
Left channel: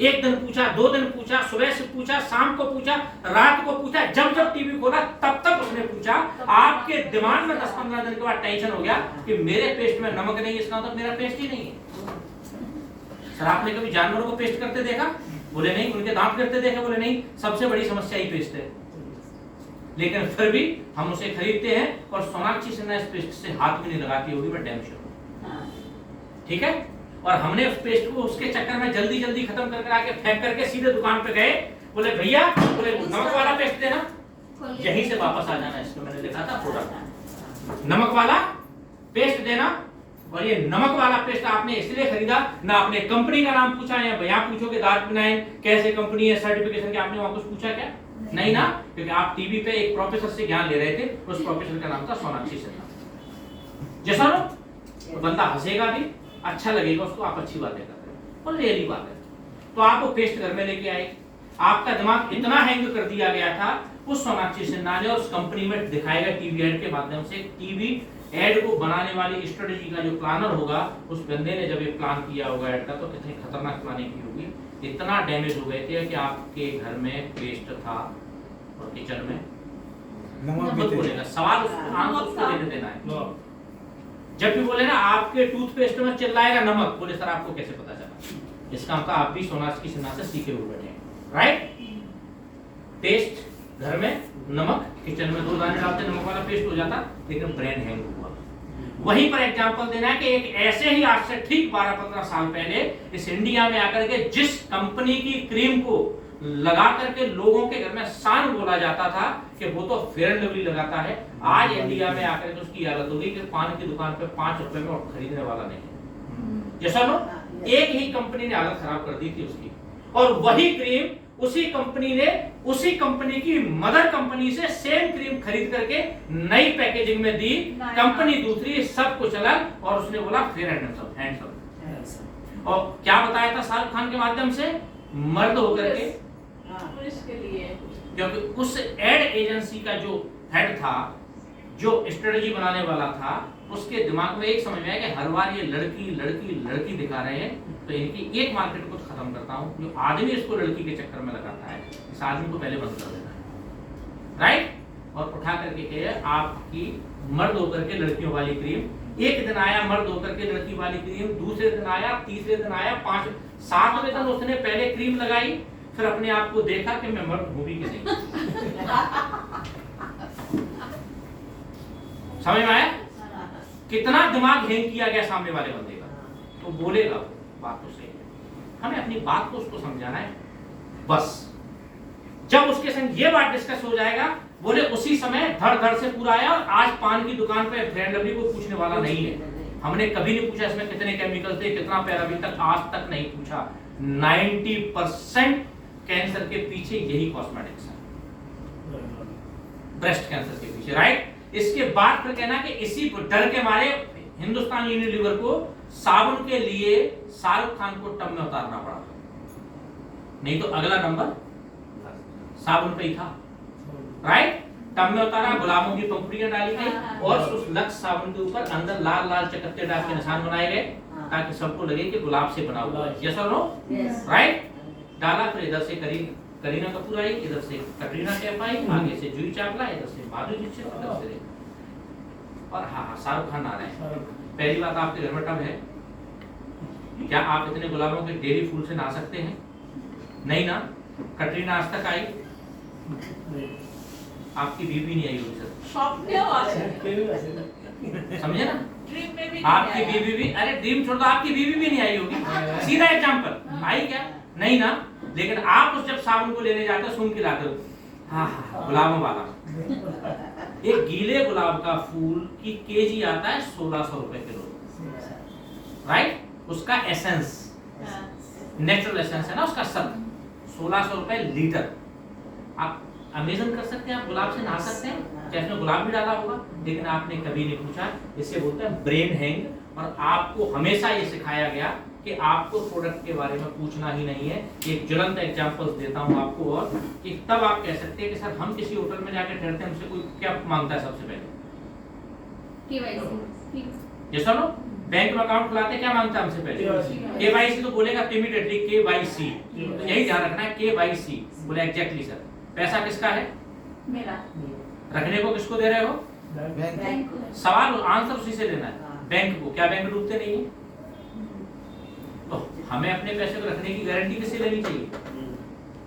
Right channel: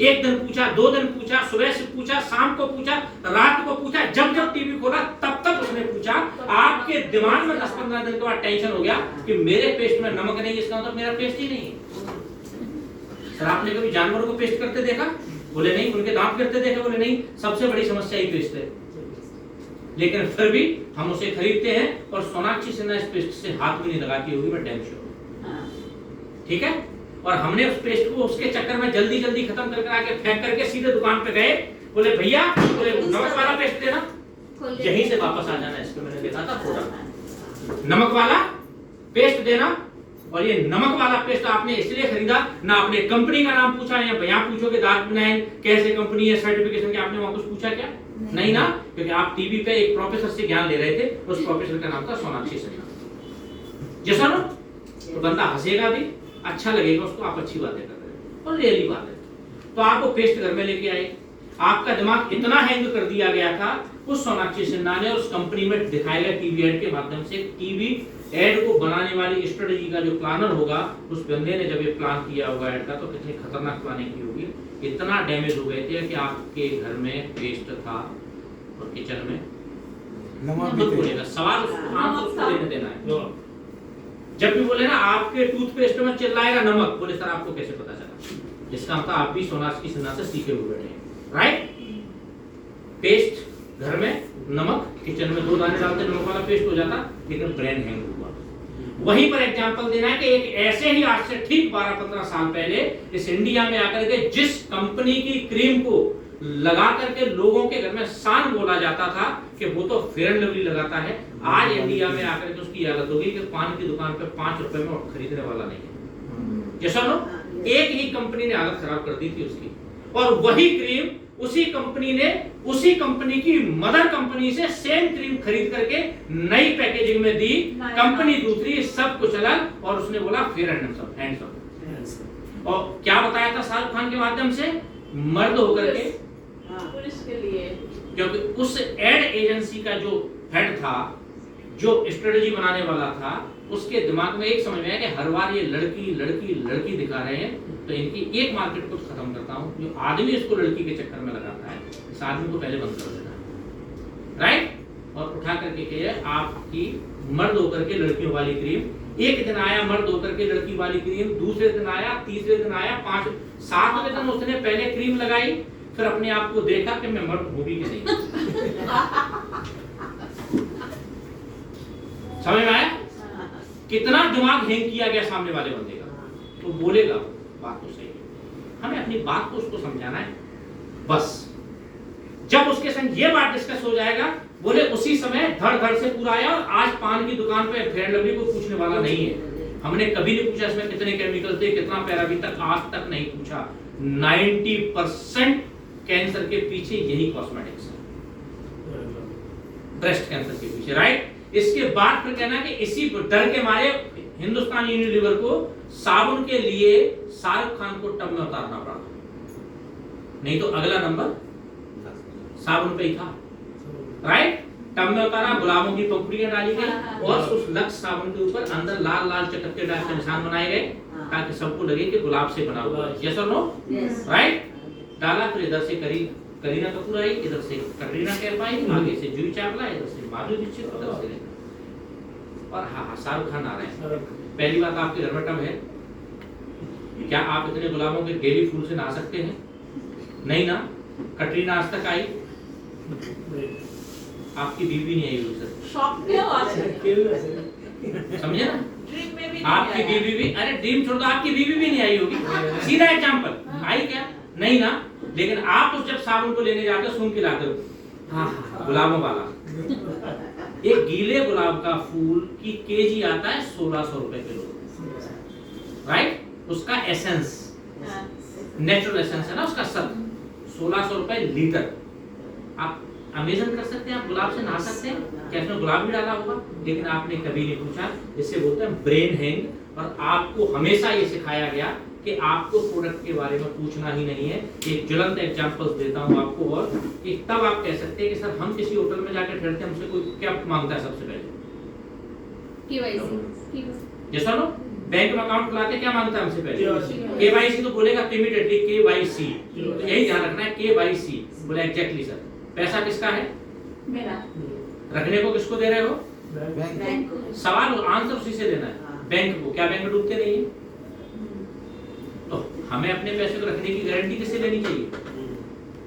एक दिन पूछा, 2 दिन पूछा, सुबह से पूछा, शाम को पूछा, रात को पूछा, जब टीवी खोला तब तक उसने पूछा। आपके दिमाग में 10-15 दिन के बाद टेंशन हो गया कि मेरे पेस्ट में नमक नहीं, इसका मतलब मेरा पेस्ट ही नहीं है। सर आपने कभी जानवरों को पेस्ट करते देखा? बोले नहीं। उनके दांत करते देखा? बोले नहीं। सबसे बड़ी समस्या ही पेस्ट है, लेकिन फिर भी हम उसे खरीदते हैं, और सोनाक्षी सिन्हा इस पेस्ट से हाथ भी नहीं लगाती होगी, मैं डैम श्योर, ठीक है। और हमने उस पेस्ट को उसके चक्कर में जल्दी खत्म करके आके फेंक करके सीधे दुकान पे गए, बोले भैया, बोले नमक वाला पेस्ट देना, यहीं से वापस आ जाना। इसको मैंने देखा था पूरा नमक वाला पेस्ट देना, और ये नमक वाला पेस्ट आपने इसलिए खरीदा ना, आपने कंपनी का नाम पूछा, या यहाँ पूछोगे दार्क विनाइन कैसे कंपनी है, सर्टिफिकेशन के, आपने वहां कुछ पूछा क्या? नहीं ना, क्योंकि आप टीवी पे एक प्रोफेसर से ज्ञान ले रहे थे, उस प्रोफेसर का नाम था सोनाक्षी सिन्हा। जैसा ना, तो बंदा हंसेगा भी, अच्छा लगेगा उसको, आप अच्छी बातें कर रहे हो, और रियली बात है। तो आपको पेस्ट घर में लेके आए, आपका दिमाग इतना हैंग कर दिया गया था उस सोनाक्षी सिन्हा ने, और उस कंपनी में दिखाएगा टीवी एड के माध्यम से। टीवी एड को बनाने वाली स्ट्रेटेजी का जो प्लानर होगा, उस बंदे ने जब ये प्लान किया होगा एड का, तो कितनी खतरनाक प्लानिंग की होगी। इतना डैमेज हो गए थे कि आपके घर में पेस्ट था और किचन में नमक मत भी बोलेगा, सवाल आंसर उसको देने देना है। जब भी बोले ना आपके टूथपेस्ट में चिल्लाएगा नमक, बोले सर आपको कैसे पता चला? इसका मतलब आप भी सोनाक्षी सिन्हा से सीखे हुए बैठे हैं, राइट? पेस्ट घर में, नमक किचन में, 2 दाने डालते नमक वाला पेस्ट हो जाता, लेकिन ब्रेन हैंग हुआ। वहीं पर एग्जांपल देना है कि एक ऐसे ही आज से ठीक 12-15 साल पहले इस इंडिया में आकर के जिस कंपनी की क्रीम को लगा करके लोगों के घर में शान बोला जाता था कि वो तो फेयर एंड लवली लगाता है, आज इंडिया में आकर के उसकी हालत हो गई कि पान की दुकान पे 5 रुपए में और खरीदने वाला नहीं है। जैसा नो, एक ही कंपनी ने हालत खराब कर दी थी उसकी, और वही क्रीम उसी कंपनी ने उसी कंपनी की मदर कंपनी से सेम क्रीम खरीद करके नई पैकेजिंग में दी, कंपनी दूसरी, सब कुछ अलग, और उसने बोला फेयर एंड हैंडसम। और क्या बताया था शाहरुख खान के माध्यम से? मर्द होकर के, पुरुष के लिए, क्योंकि उस एड एजेंसी का जो हेड था, जो स्ट्रेटेजी बनाने वाला था, उसके दिमाग में एक समझ में आया कि हर बार ये लड़की लड़की लड़की दिखा रहे हैं, तो इनकी एक मार्केट को खत्म करता हूं। जो आदमी इसको लड़की के चक्कर में लगाता है, इस आदमी को पहले बंद कर देना है, राइट? और उठा करके कहे आपकी मर्द होकर के लड़कियों वाली क्रीम। एक दिन आया मर्द होकर के लड़की वाली क्रीम, दूसरे दिन आया, तीसरे दिन आया, 7वें दिन उसने पहले क्रीम लगाई, फिर अपने आप को देखा कि मैं मर्द हूं भी कि नहीं। समझ में आया कितना दिमाग हैंग किया गया सामने वाले बंदे का? तो बोलेगा बात तो सही है, हमें अपनी बात को उसको समझाना है बस। जब उसके संग ये बात डिस्कस हो जाएगा, बोले उसी समय धड़ धड़ से पूरा आया। और आज पान की दुकान पे फेयर एंड लवली को पूछने वाला नहीं है, हमने कभी नहीं पूछा इसमें कितने केमिकल थे, कितना पैराबीन तक, आज तक नहीं पूछा। 90% कैंसर के पीछे यही कॉस्मेटिक्स है, ब्रेस्ट कैंसर के पीछे, राइट? इसके बाद फिर कहना कि इसी डर के मारे हिंदुस्तान यूनिलीवर को साबुन के लिए शाहरुख खान को टब में उतारना पड़ा, नहीं तो अगला नंबर साबुन पे ही था, राइट? टब में उतारा, गुलाबों की पंखुड़ियां डाली गई, और उस लक्स साबुन के ऊपर अंदर लाल लाल चटकते दाग के निशान बनाए गए, ताकि सबको लगे कि गुलाब से बना हुआ है। यस और नो? राइट? डाला, फिर इधर से करीना कपूर आई, इधर से कटरीना कैफ आई, आगे से जूही चावला, इधर से माधुरी दीक्षित, इधर से और हाँ शाहरुख खान आ रहे हैं। पहली बात, आपके घर में टब है क्या? आप इतने गुलाबों के डेली फूल से नहा सकते हैं? नहीं ना। कटरीना आज तक आई, आपकी बीवी नहीं आई होगी सर, शॉप पे आ समझे ना? ड्रीम में भी आपकी बीवी भी, अरे ड्रीम छोड़ दो, आपकी बीवी भी नहीं आई होगी, सीधा एग्जांपल। आई क्या? नहीं ना। लेकिन आप तो जब साबुन को लेने जाते हो सूंघ के लाते हो, हाँ गुलाबों वाला। एक गीले गुलाब का फूल की केजी आता है 1600 रुपए किलो, राइट? उसका एसेंस, नेचुरल एसेंस है ना उसका, सब 1600 रुपए लीटर। आप अमेजन कर सकते हैं, आप गुलाब से नहा सकते हैं, क्या इसमें गुलाब भी डाला होगा? लेकिन आपने कभी नहीं पूछा। इससे बोलते हैं ब्रेन हैंग। और आपको हमेशा ये सिखाया गया कि आपको प्रोडक्ट के बारे में पूछना ही नहीं है। एक ज्वलंत एग्जांपल्स देता हूं आपको, और कि तब आप कह सकते हैं कि सर हम किसी होटल में जाकर ठहरते हैं, हमसे कोई क्या मांगता है सबसे पहले? केवाईसी। जैसा नो बैंक में अकाउंट खुलाते क्या मांगता है हमसे पहले? केवाईसी। तो बोलेगा इमीडिएटली केवाईसी, तो यही ध्यान रखना है, केवाईसी। बोले एग्जैक्टली सर। पैसा किसका है? मेरा। रखने को किसको दे रहे हो? बैंक। सवाल आंसर उसी से देना है, बैंक को। क्या बैंक डूबते नहीं है? तो हमें अपने पैसे को रखने की गारंटी किससे लेनी चाहिए?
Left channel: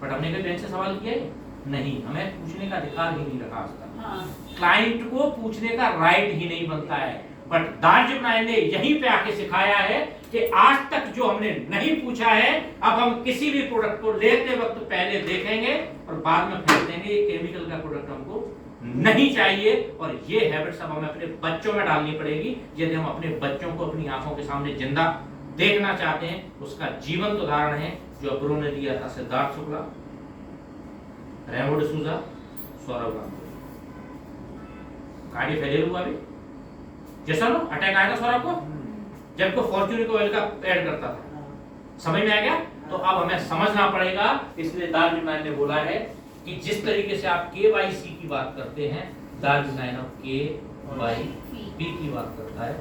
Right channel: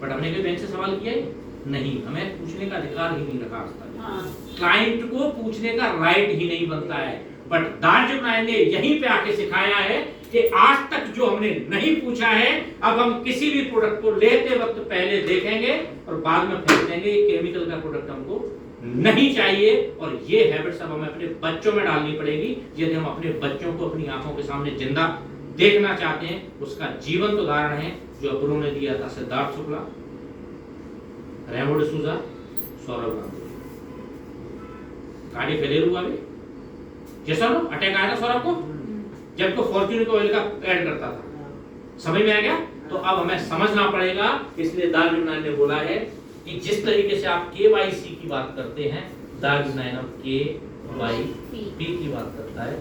बट हमने कभी बैंक से सवाल किया है? नहीं, हमें पूछने का अधिकार ही नहीं रखा आज तक। क्लाइंट को पूछने का राइट ही नहीं बनता है। बट दार्जिलिंग ने यहीं पे आके सिखाया है कि आज तक जो हमने नहीं पूछा है, अब हम किसी भी प्रोडक्ट को लेते वक्त पहले देखेंगे और बाद में फेंक देंगे। केमिकल का प्रोडक्ट हमको नहीं चाहिए। और ये हैबिट्स अब हमें अपने बच्चों में डालनी पड़ेगी यदि हम अपने बच्चों को अपनी आंखों के सामने जिंदा देखना चाहते हैं। उसका जीवंत उदाहरण है जो अब्रो ने दिया था, सिद्धार्थ शुक्ला, रेमो डिसूजा, सौरभ गांगुली। गाड़ी फेलियर हुआ भी, जैसा नो अटैक आया था सौरभ को जब को फॉर्च्यून ऑयल का ऐड करता था। समझ में आ गया? तो अब हमें समझना पड़ेगा। इसलिए दार्जुनाइन ने बोला है कि जिस तरीके से आप KYC की बात करते हैं, दार्जुनाइन अब KYP की बात करता है।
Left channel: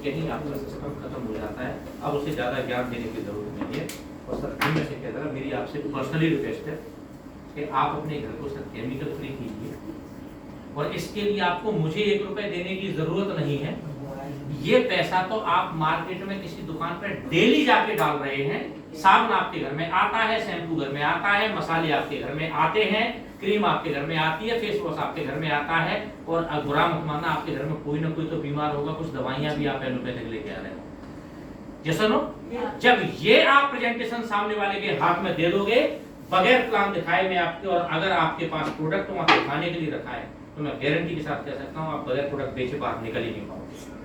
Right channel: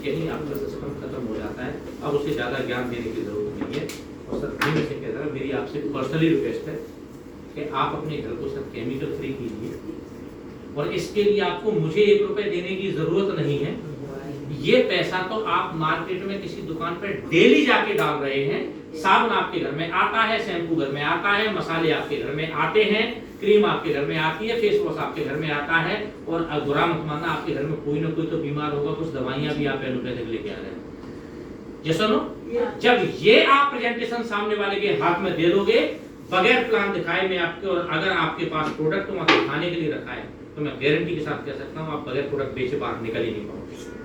यही आपका सिस्टम खत्म हो जाता है। अब उसे ज्यादा ज्ञान देने की जरूरत नहीं है। और सर मैं से कह रहा हूं, मेरी आपसे पर्सनली रिक्वेस्ट है कि आप अपने घर को सर केमिकल फ्री कीजिए। और इसके लिए आपको मुझे 1 रुपए देने की जरूरत नहीं है। ये पैसा तो आप मार्केट में किसी दुकान पे डेली जाके डाल रहे हैं। साबुन आपके घर में आता है, शैम्पू घर में आता है, मसाले आपके घर में आते हैं, क्रीम आपके घर में आती है, फेस वॉश आपके घर में आता है। और अब बुरा मत मानना, आपके घर में कोई ना कोई तो बीमार होगा, कुछ दवाइयां भी आप एलोपैथिक लेके आ रहे हो। ये सुनो, जब ये आप प्रेजेंटेशन सामने वाले के हाथ में दे दोगे बगैर प्लान दिखाए में आपके, और अगर आपके पास प्रोडक्ट वहां दिखाने के लिए रखा है, तो मैं गारंटी के साथ कह सकता हूं आप बगैर प्रोडक्ट बेचे बाहर निकल ही नहीं पाओगे।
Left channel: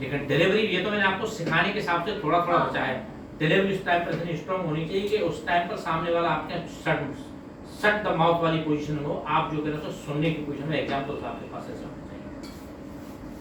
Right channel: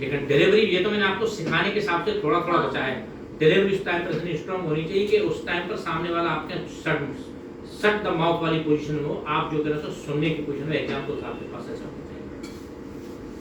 लेकिन डिलीवरी, ये तो मैंने आपको सिखाने के हिसाब से थोड़ा थोड़ा बचा है। डिलीवरी उस टाइम पर इतनी स्ट्रांग होनी चाहिए कि उस टाइम पर सामने वाला आपके शट द माउथ वाली पोजीशन में हो, आप जो कह रहे हो सुनने की पोजीशन में। एग्जांपल्स आपके पास ऐसे होने चाहिए,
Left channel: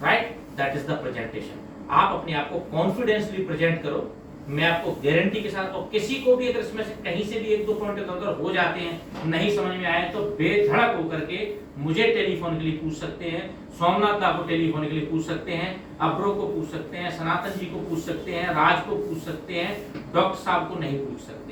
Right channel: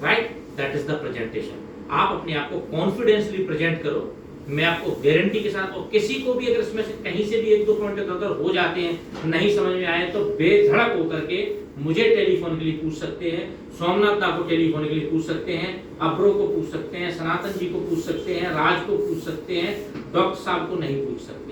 right? That is the presentation. आप अपने आप को कॉन्फिडेंसली प्रेजेंट करो। मैं आपको गारंटी के साथ, और किसी को भी अगर इसमें से कहीं से भी 1-2 पॉइंट इधर हो जाते हैं, नहीं समझ में आए, तो बेधड़क होकर के मुझे टेलीफोन के लिए पूछ सकते हैं, सोमनाथ दा को टेलीफोन के लिए पूछ सकते हैं, अब्रो को पूछ सकते हैं, सनातन जी को पूछ सकते हैं, राज को पूछ सकते हैं, डॉक्टर साहब को नहीं पूछ सकते।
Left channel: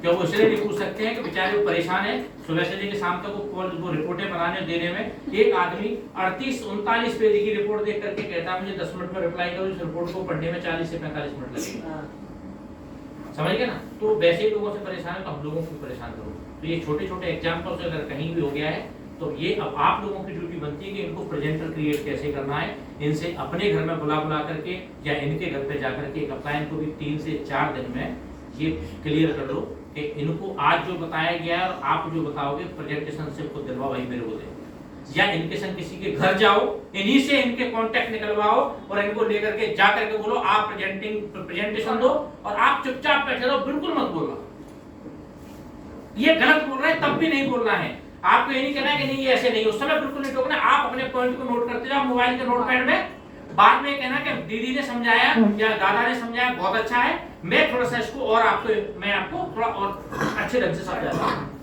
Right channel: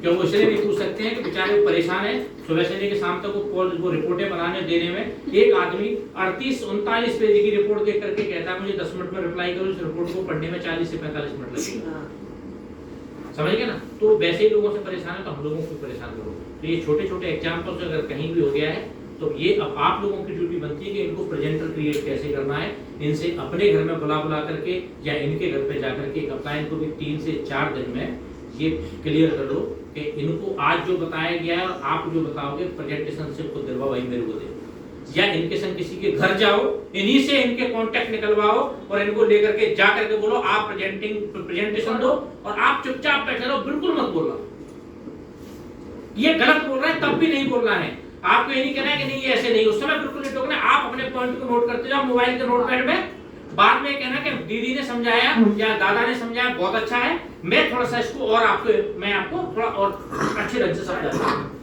क्यों वो इसलिए नहीं पूछ सकते हैं कि बेचारे वो परेशान है। सुबह से लेकर शाम तक वो रिपोर्टें बनाने देने में, एक आदमी 38-39 पेज की रिपोर्ट देख करके कहता है मुझे 10 मिनट में रिप्लाई करो, इस रिपोर्ट को पढ़ने में 40 से 45 मिनट लगेंगे। समझ गए ना? तो वैसे ही लोगों से परेशान है तो हम लोगों को परेशान करो। तो ये छोटे छोटे एग्जाम्पल्स अगर कहीं भी हो गया है तो ये अब आप लोगों की ड्यूटी बनती है कि इनको प्रेजेंटर क्रिएट कैसे करना है। इनसे अपने घर में बुला करके या इनके घर पे जाकर के अपना इनको भी 3 से 4 दिन में ये क्लियर कर लो कि इनको आज जो बताया गया है और आप जो बताओगे प्रेजेंटेशन से खुद दिलवाओ, वही मेरे को दे, या इनके संग किसी के घर जाओ, इन्हीं से इनके कांटेक्ट निकलवाओ और इनको लेकर के जा करके बोलो आप प्रेजेंटेशन दो और आप चुपचाप बैठे रहो, बिल्कुल मत बोलना। ये गलत बोल रहा है तब भी नहीं बोलना है। आपको ये नहीं कहना है कि नहीं ये ऐसे नहीं, उस समय बिल्कुल नहीं टोकना। आप अपने पॉइंट को नोट करते जाओ मोबाइल के नोटपैड में। बाद में कहना कि दीदी ने समझाया या दादा ने समझाया बहुत अच्छा है, मैं थोड़ा सा इसको और मैं आपको थोड़ा और अच्छे ढंग से समझाता हूं।